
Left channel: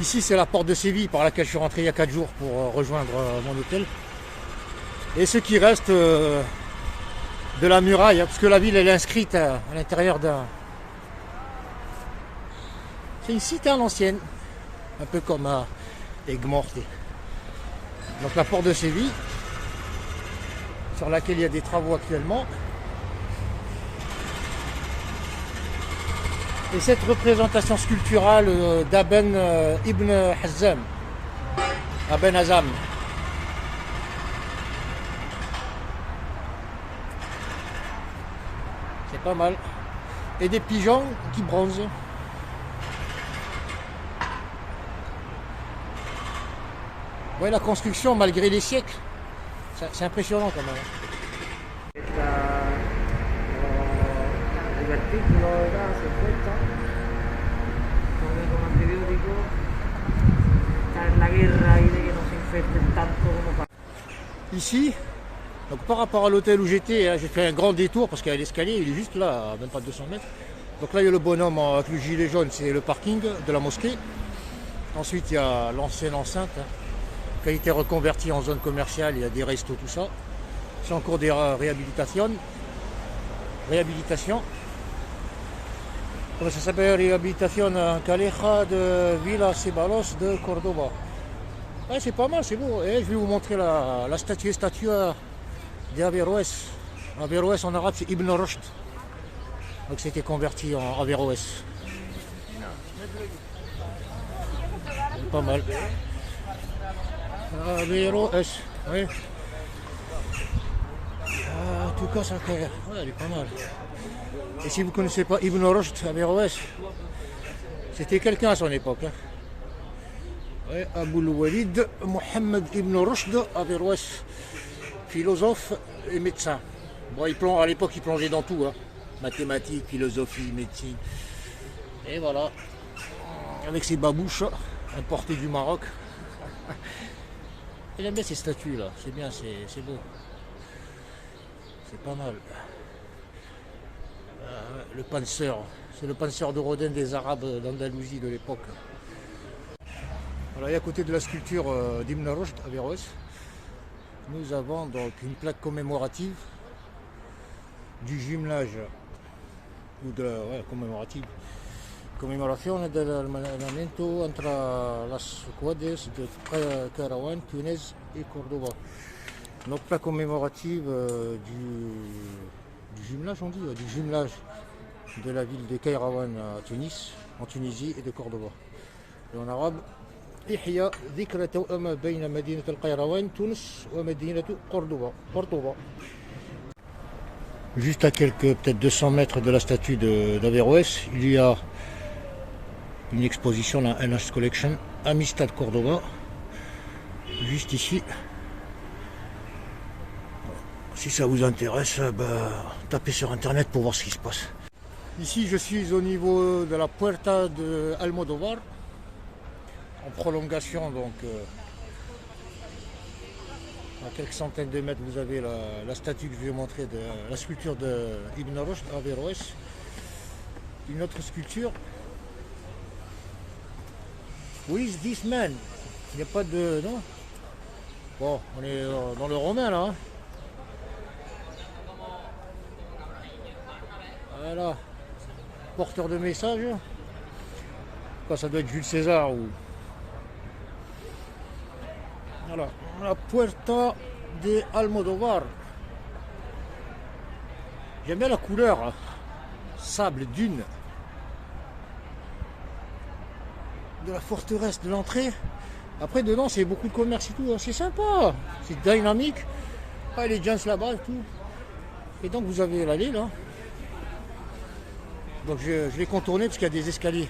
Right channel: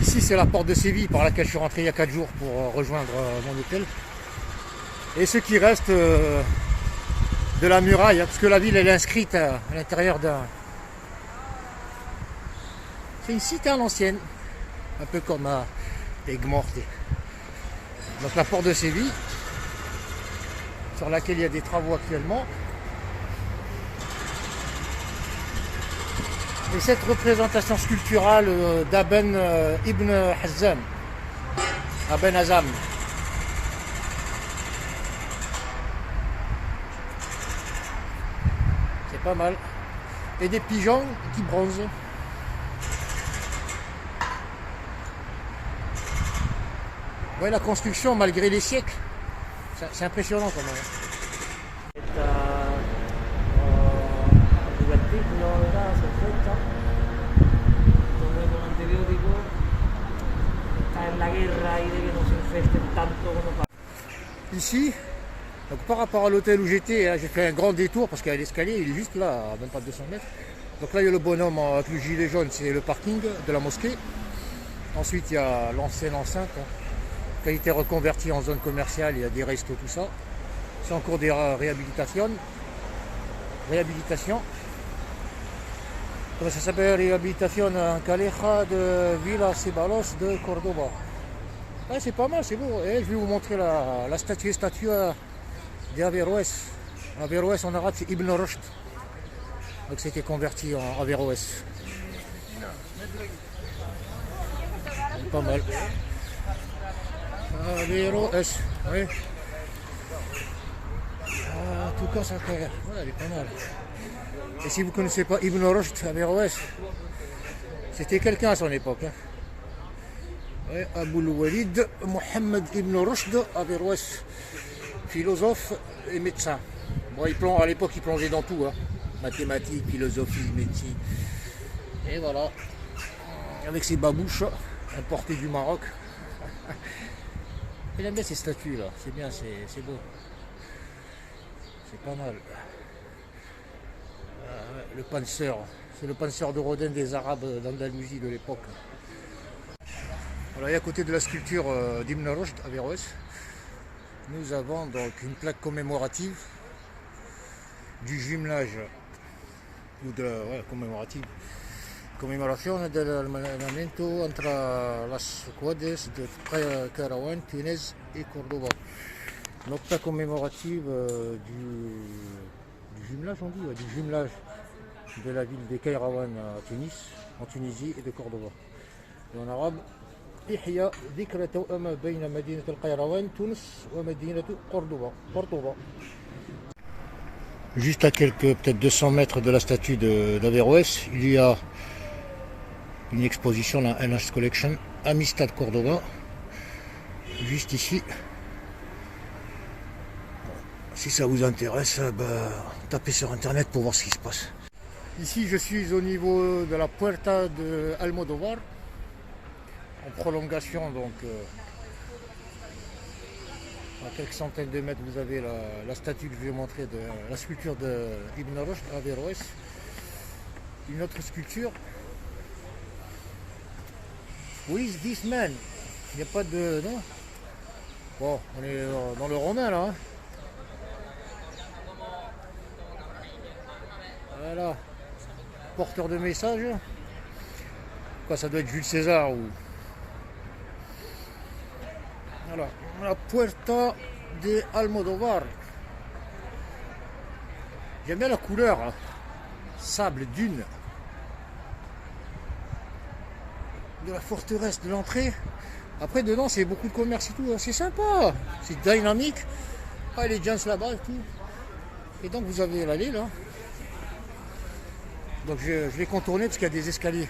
Ici, c'est la porte de Séville par laquelle je suis rentré il y a 4 jours pour rejoindre mon hôtel. Et ce qui reste de la muraille, hein, parce que la ville, elle est inscrite à l'intérieur d'un... C'est une cité à l'ancienne, un peu comme à Aigues-Mortes. Donc la porte de Séville, sur laquelle il y a des travaux actuellement. Et cette représentation sculpturale d'Aben Ibn Hazm, Aben Hazm. C'est pas mal. Et des pigeons qui bronzent. Ouais, la construction, malgré les siècles, c'est impressionnant quand même. Ici, donc par rapport à l'hôtel où j'étais, j'ai fait un grand détour parce qu'il y a l'escalier, il est juste là, à même pas 200 mètres. Donc là, il y a le bonhomme avec le gilet jaune, c'est le parking de la mosquée. Ensuite, il y a l'ancienne enceinte, qui a été reconvertie en zone commerciale, il y a des restos, tout ça. C'est en cours de réhabilitation. Comment ça s'appelle? Réhabilitation en Calleja de Villa Ceballos de Cordoba. Ouais, c'est pas mal, c'est beau. Et je vais vous montrer la statue d'Averroès. Averroès en arabe, c'est Ibn Rushd. Donc c'était converti en Averroès. C'est pas mal. Averroès, oui. En tout cas, ça fait... Ouais, elle est pas mal. Et si vous ne connaissez pas Ibn Rushd, Averroès, c'était quelqu'un à son époque. Hein. Ouais, Aboul Walid Mohammed Ibn Rushd Averroès, philosophe et médecin. Bon, à l'époque, il plongeait dans tout. Hein. Mathématiques, philosophie, médecine. Et voilà. Avec ses babouches importées du Maroc. Il aime bien ces statues là. C'est bien, c'est beau. C'est pas mal. Le Panzer, c'est le Panzer de Rodin des Arabes d'Andalousie de l'époque. Voilà, et à côté de la sculpture d'Ibn Rushd, Averroès, nous avons donc une plaque commémorative du jumelage, ou de la commémoration de l'allineamiento entre las ciudades de Qayrawan, Túnez et Cordoba. Donc plaque commémorative du jumelage, on dit, du jumelage de la ville de Qayrawan à Tunis, en Tunisie, et de Cordoba. Et en arabe, Ihya dhikra tawama bayna madinat al-Qayrawan, Tunis, wa madinat Cordoba. Juste à peut-être 200 mètres de la statue d'Averroès, il y a une exposition, la NH Collection, Amistad Cordoba, juste ici. Si ça vous intéresse, tapez sur internet pour voir ce qui se passe. Ici, je suis au niveau de la Puerta de Almodóvar, en prolongation donc À quelques centaines de mètres, vous avez la statue que je vais vous montrer, de la sculpture de Ibn Rushd à Averroès. Une autre sculpture. Who is this man? Il n'y a pas de... non. Bon, on est dans le romain là. Hein. Voilà. Porteur de message. Quoi, ça doit être Jules César ou... Voilà. La Puerta de Almodóvar. J'aime bien la couleur. Hein. Sable, dune. De la forteresse, de l'entrée. Après, dedans, c'est beaucoup de commerce et tout. Hein. C'est sympa. C'est dynamique. Ah, les gens là-bas et tout. Et donc, vous avez l'allée là. Donc, je vais contourner parce qu'il y a des escaliers.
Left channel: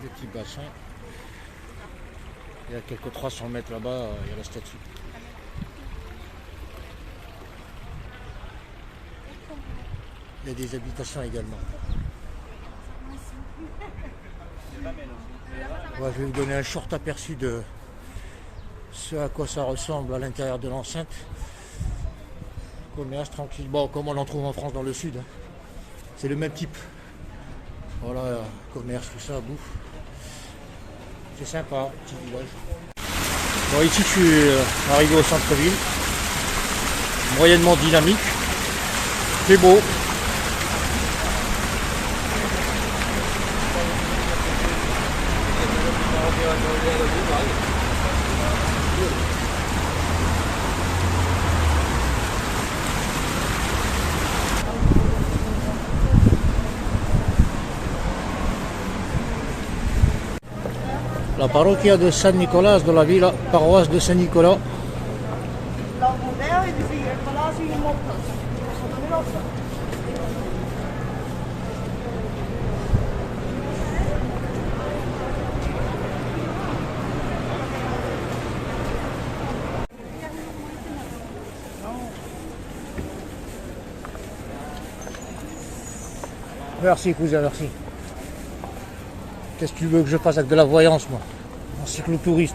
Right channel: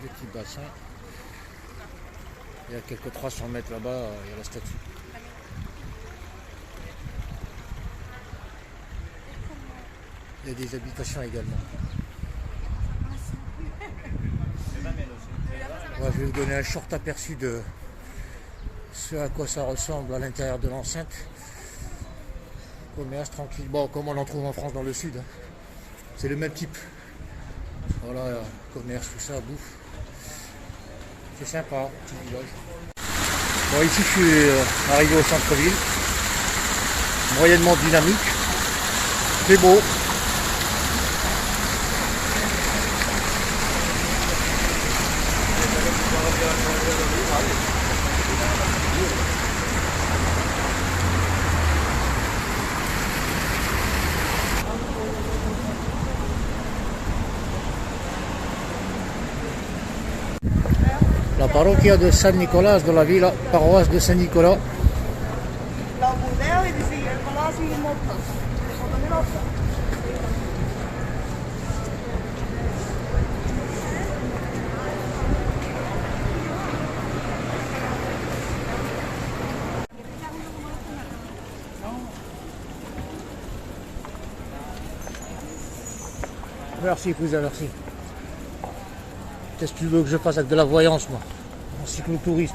Des petits bassins. Il y a quelques 300 mètres là-bas, il y a la statue. Il y a des habitations également. Ouais, je vais vous donner un short aperçu de ce à quoi ça ressemble à l'intérieur de l'enceinte. Commerce tranquille. Bon, comme on en trouve en France dans le sud. Hein. C'est le même type. Voilà, commerce, tout ça, bouffe. C'est sympa, petit village. Bon, ici je suis arrivé au centre-ville. Moyennement dynamique. C'est beau. La parroquia de San Nicolás de la Villa, paroisse de Saint-Nicolas. Merci cousin, merci. Qu'est-ce que tu veux que je fasse avec de la voyance, moi? Un cyclotouriste.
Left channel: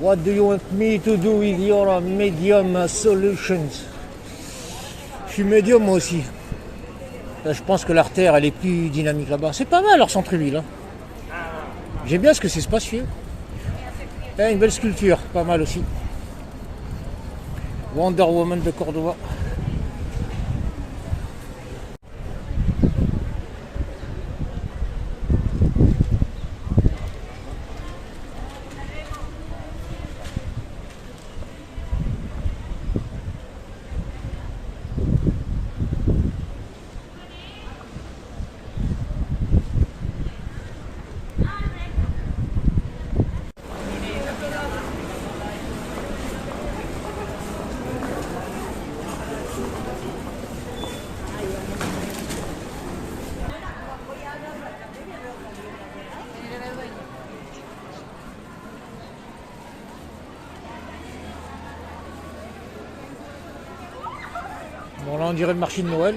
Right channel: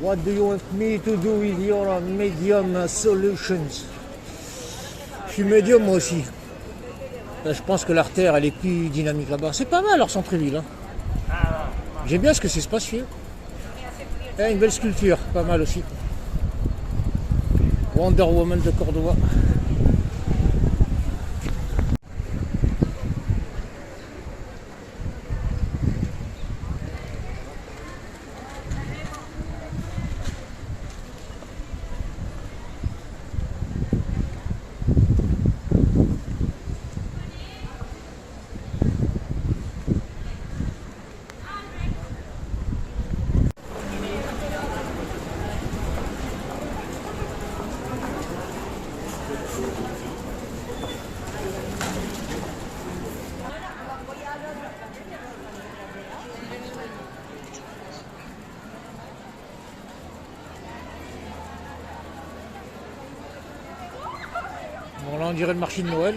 What do you want me to do with your medium solutions? Je suis médium moi aussi. Je pense que l'artère elle est plus dynamique là-bas. C'est pas mal leur centre-ville. Hein. J'aime bien ce que c'est spacieux. Et une belle sculpture, pas mal aussi. Wonder Woman de Cordoba. Bon là on dirait le marché de Noël.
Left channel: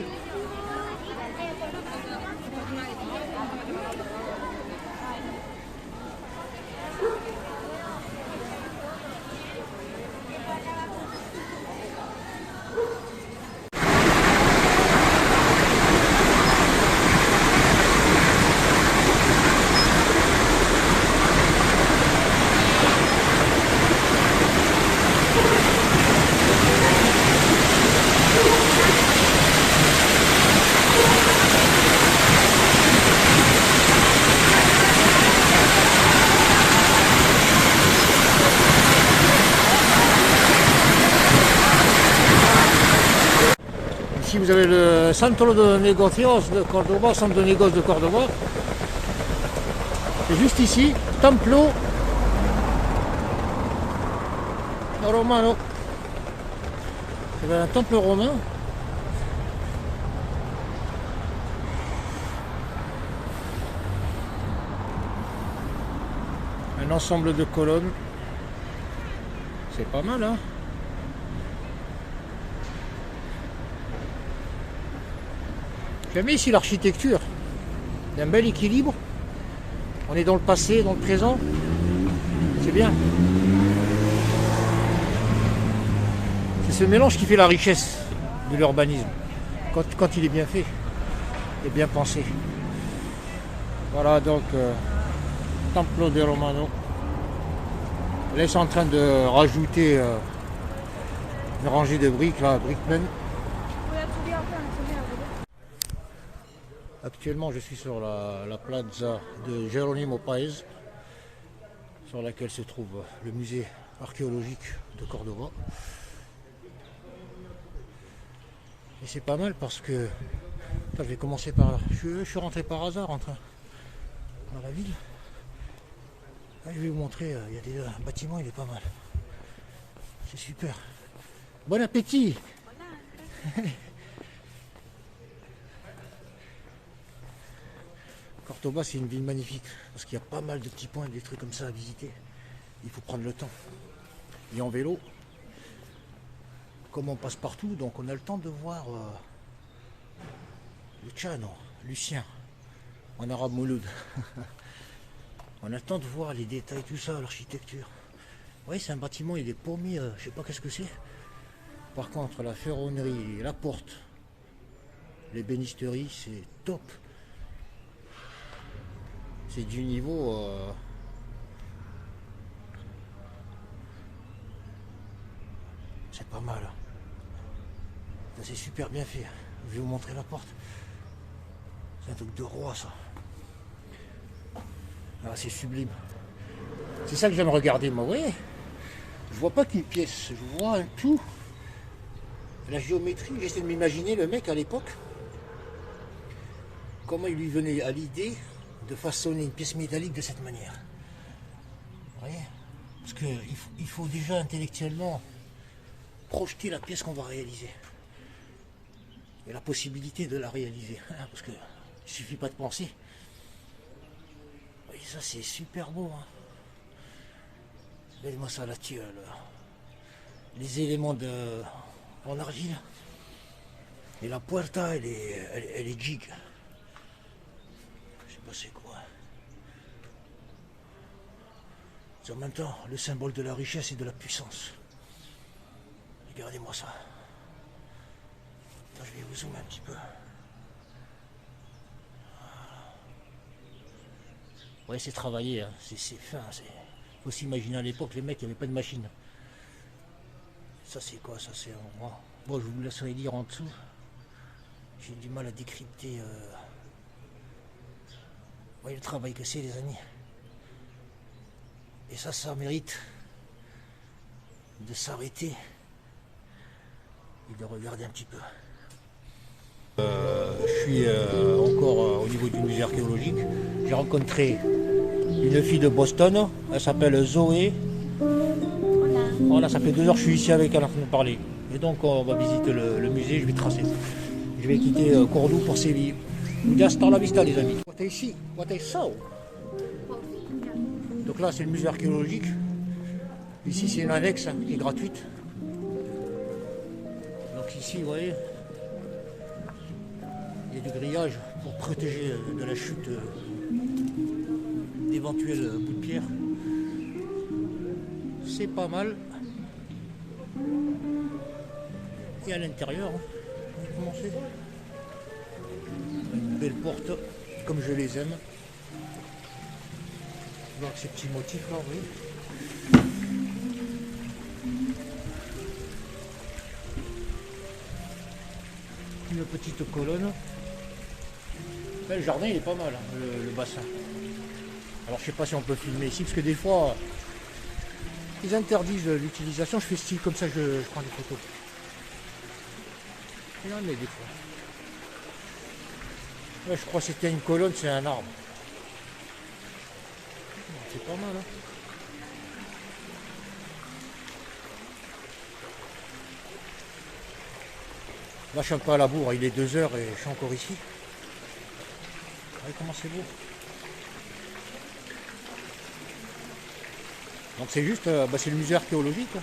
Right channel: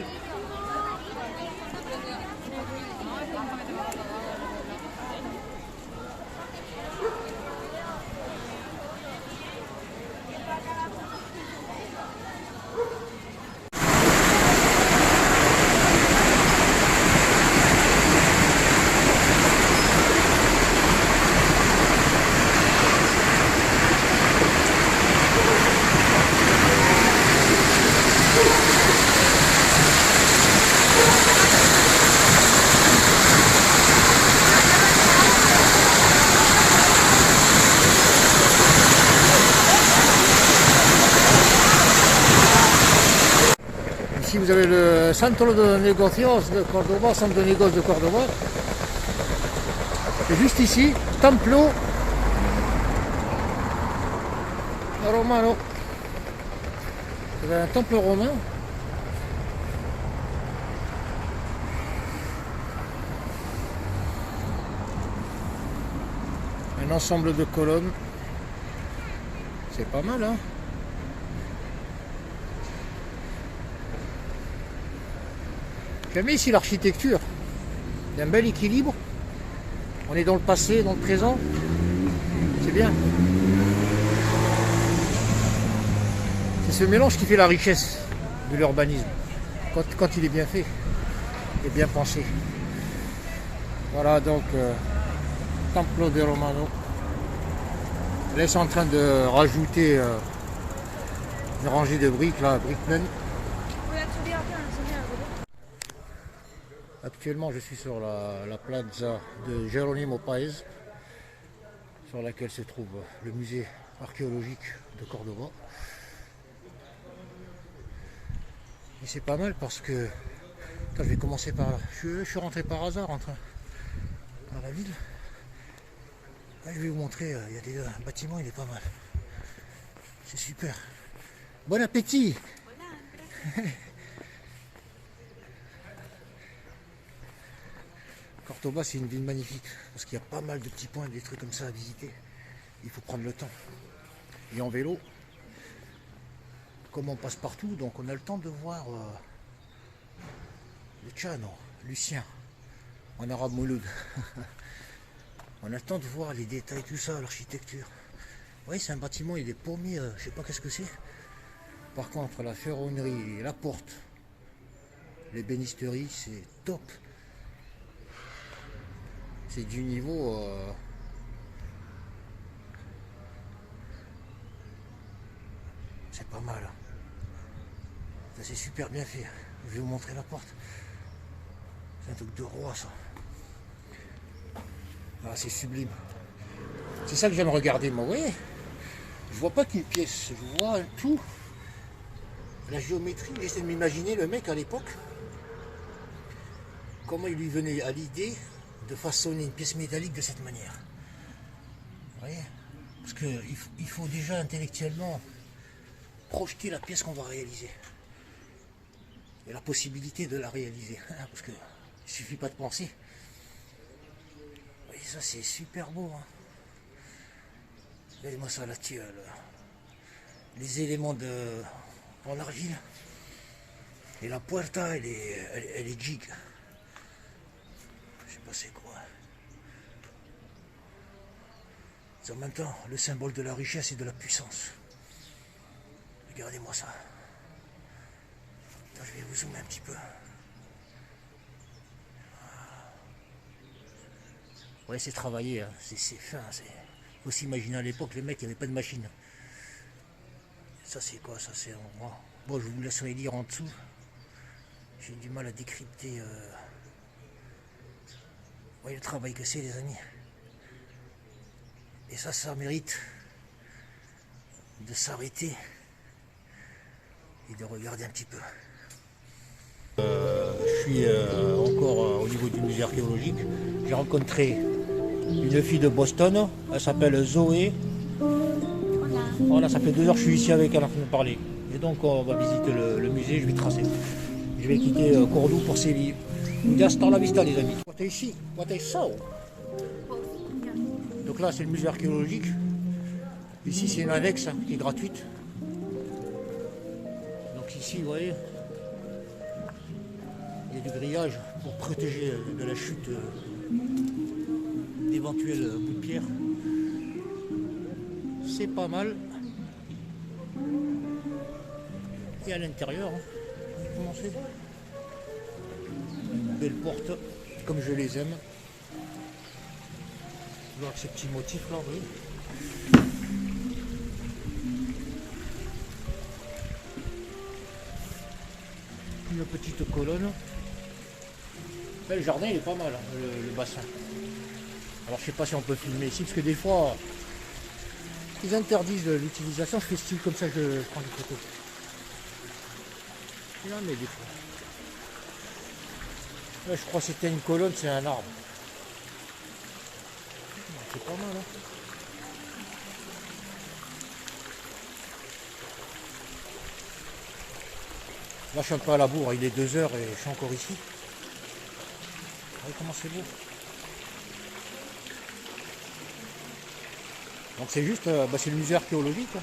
Ici vous avez le Centro de Negocios de Cordoba, centre de négoce de Cordoba. Et juste ici, Templo Romano. Vous avez un temple romain. Un ensemble de colonnes. C'est pas mal, hein? J'aime ici l'architecture. Il y a un bel équilibre. On est dans le passé, dans le présent. C'est bien. C'est ce mélange qui fait la richesse de l'urbanisme. Quand il est bien fait et bien pensé. Voilà donc Templo de Romano. Là ils sont en train de rajouter une rangée de briques, là, brickmen. Actuellement je suis sur la plaza de Jerónimo Páez, sur laquelle se trouve le musée archéologique de Cordoba. Et c'est pas mal parce que je vais commencer par là. Je suis rentré par hasard dans la ville. Là, je vais vous montrer, il y a des bâtiments, il est pas mal. C'est super. Bon appétit. Cordoba, c'est une ville magnifique parce qu'il y a pas mal de petits points, des trucs comme ça à visiter. Il faut prendre le temps. Et en vélo, comme on passe partout, donc on a le temps de voir Luciano, Lucien, en arabe Mouloud. On a le temps de voir les détails, tout ça, l'architecture. Oui, c'est un bâtiment, il est paumé, je sais pas qu'est-ce que c'est. Par contre, la ferronnerie, la porte, l'ébénisterie, c'est top. C'est du niveau... c'est pas mal. Ça, c'est super bien fait. Je vais vous montrer la porte. C'est un truc de roi, ça. Ah, c'est sublime. C'est ça que j'aime regarder, moi. Vous voyez, je vois pas qu'une pièce, je vois un tout. La géométrie, j'essaie de m'imaginer le mec à l'époque. Comment il lui venait à l'idée de façonner une pièce métallique de cette manière. Vous voyez, parce qu'il faut déjà intellectuellement projeter la pièce qu'on va réaliser. Et la possibilité de la réaliser. Parce que il suffit pas de penser. Et ça c'est super beau. Hein. Regardez-moi ça là-dessus. Les éléments en argile. Et la puerta elle est giga. Je sais pas c'est quoi. C'est en même temps le symbole de la richesse et de la puissance. Regardez-moi ça. Attends, je vais vous zoomer un petit peu. Ouais, c'est travaillé, hein. C'est fin. Il faut s'imaginer à l'époque, les mecs, il n'y avait pas de machine. Ça, c'est quoi? Ça, c'est en moi. Bon, je vous laisserai lire en dessous. J'ai du mal à décrypter. Ouais, le travail que c'est, les amis. Et ça mérite de s'arrêter et de regarder un petit peu. Je suis encore au niveau du musée archéologique. J'ai rencontré une fille de Boston, elle s'appelle Zoé. Voilà, ça fait 2 heures que je suis ici avec elle en train de me parler. Et donc on va visiter le musée, je vais tracer. Je vais quitter Cordoue pour Séville. Hasta la vista les amis. What I see, what I saw. Donc là c'est le musée archéologique. Ici c'est une annexe hein, qui est gratuite. Donc ici vous voyez, il y a du grillage pour protéger de la chute d'éventuels bouts de pierre. C'est pas mal. Et à l'intérieur, hein, on va commencer. Une belle porte, comme je les aime. Voir ces petits motifs là, vous voyez. Une petite colonne. Mais le jardin il est pas mal, hein, le bassin. Alors je sais pas si on peut filmer ici, parce que des fois ils interdisent l'utilisation. Je fais style comme ça, je prends des photos. Non mais des fois. Là, je crois que c'était une colonne, c'est un arbre. C'est pas mal hein. Là je suis un peu à la bourre, il est 2 heures et je suis encore ici. Regardez comment c'est beau. Donc c'est juste, c'est le musée archéologique.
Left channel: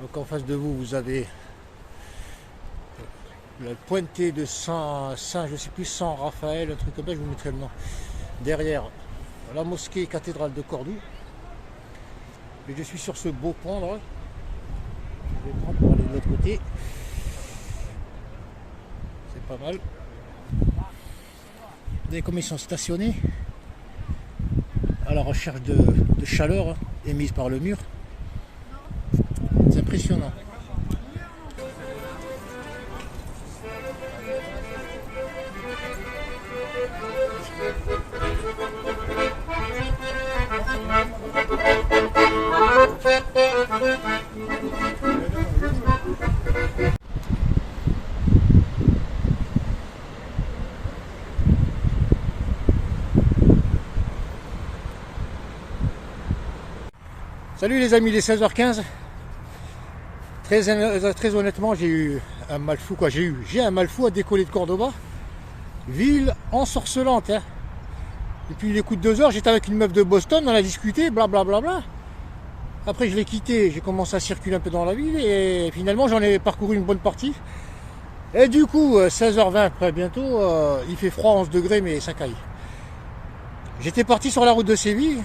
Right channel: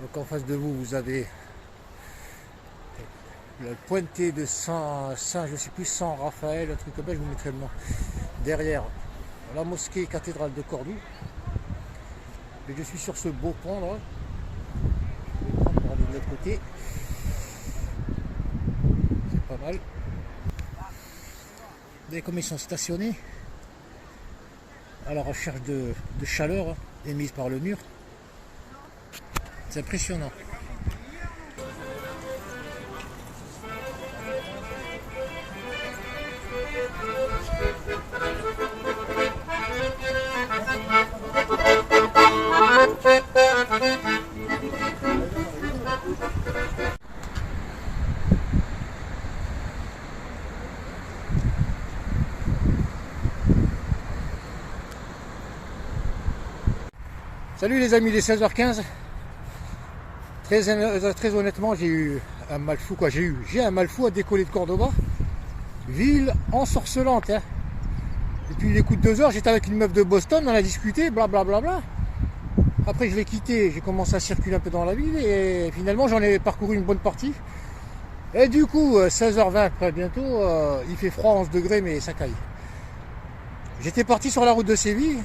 Donc en face de vous, vous avez le pointé de Saint, je sais plus, Saint Raphaël, un truc comme ça, je vous mettrai le nom. Derrière, la mosquée cathédrale de Cordoue. Et je suis sur ce beau pont là. Je vais prendre pour aller de l'autre côté. C'est pas mal. Vous voyez comme ils sont stationnés à la recherche de chaleur hein, émise par le mur. C'est impressionnant. Salut les amis, les 16h15. Très honnêtement, j'ai eu un mal fou quoi. J'ai un mal fou à décoller de Cordoba. Ville ensorcelante. Hein. Depuis les coups de 2 heures, j'étais avec une meuf de Boston, on a discuté, blablabla. Bla bla bla. Après je l'ai quitté, j'ai commencé à circuler un peu dans la ville et finalement j'en ai parcouru une bonne partie. Et du coup, 16h20 après bientôt, il fait froid, 11 degrés mais ça caille. J'étais parti sur la route de Séville,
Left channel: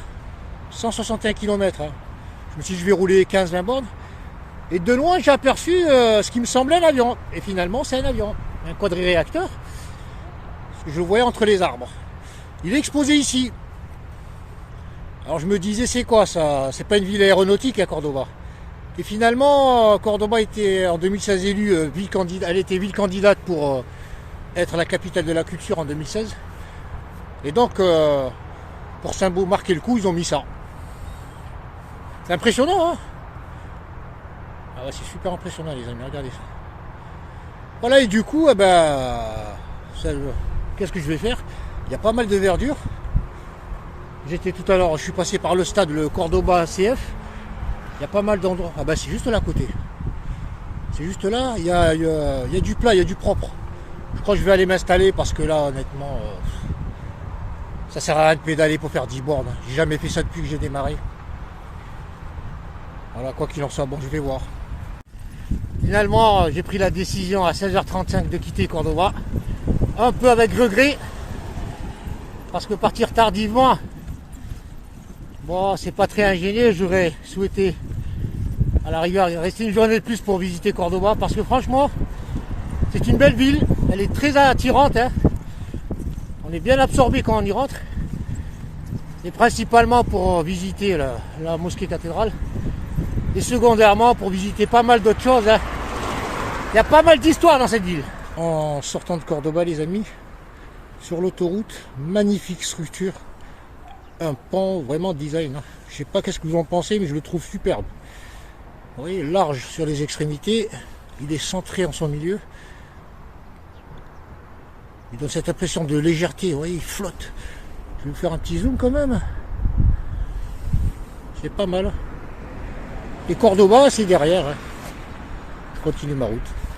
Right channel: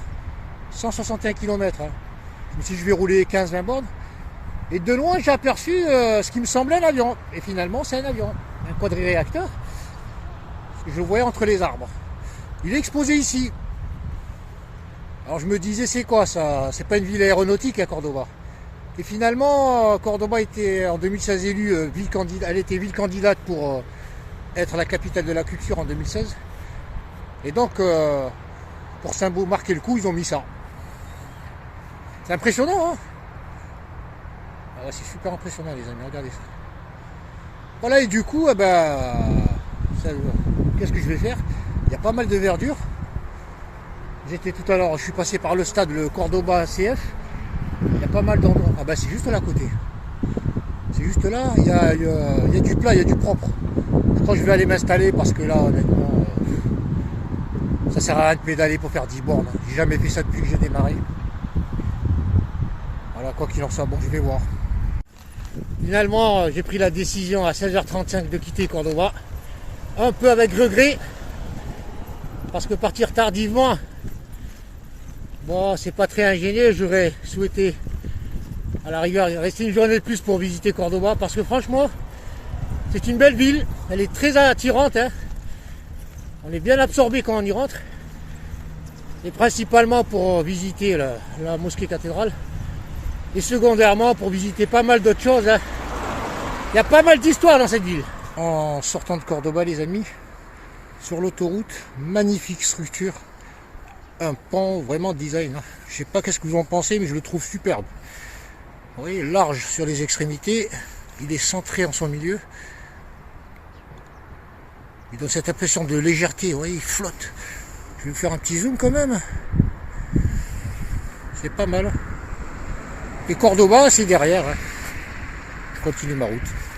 161 km. Hein. Je me suis dit je vais rouler 15-20 bornes. Et de loin, j'ai aperçu ce qui me semblait un avion. Et finalement, c'est un avion. Un quadriréacteur. Je le voyais entre les arbres. Il est exposé ici. Alors je me disais, c'est quoi ça? C'est pas une ville aéronautique à Cordoba. Et finalement, Cordoba était en 2016 élue elle était ville candidate pour être la capitale de la culture en 2016. Et donc, pour marquer le coup, ils ont mis ça. C'est impressionnant, hein? Ah ouais, c'est super impressionnant les amis, regardez ça. Voilà, et du coup, qu'est-ce que je vais faire? Il y a pas mal de verdure. J'étais tout à l'heure, je suis passé par le stade, le Cordoba CF. Il y a pas mal d'endroits. Ah bah c'est juste là à côté. C'est juste là, il y a du plat, il y a du propre. Je crois que je vais aller m'installer parce que là, honnêtement, ça sert à rien de pédaler pour faire 10 bornes. J'ai jamais fait ça depuis que j'ai démarré. Voilà, quoi qu'il en soit, bon, je vais voir. Finalement, j'ai pris la décision à 16h35 de quitter Cordoba. Un peu avec regret. Parce que partir tardivement, bon, c'est pas très ingénieux. J'aurais souhaité, à la rigueur, rester une journée de plus pour visiter Cordoba. Parce que franchement, c'est une belle ville. Elle est très attirante. Hein. On est bien absorbé quand on y rentre. Et principalement pour visiter la mosquée cathédrale. Et secondairement pour visiter pas mal d'autres choses. Hein. Il y a pas mal d'histoires dans cette ville. En sortant de Cordoba les amis, sur l'autoroute, magnifique structure. Un pont vraiment design. Hein. Je sais pas qu'est-ce que vous en pensez mais je le trouve superbe. Vous voyez, large sur les extrémités. Il est centré en son milieu. Il donne cette impression de légèreté. Vous voyez, il flotte. Je vais vous faire un petit zoom quand même. C'est pas mal. Et Cordoba, c'est derrière. Hein. continue ma route.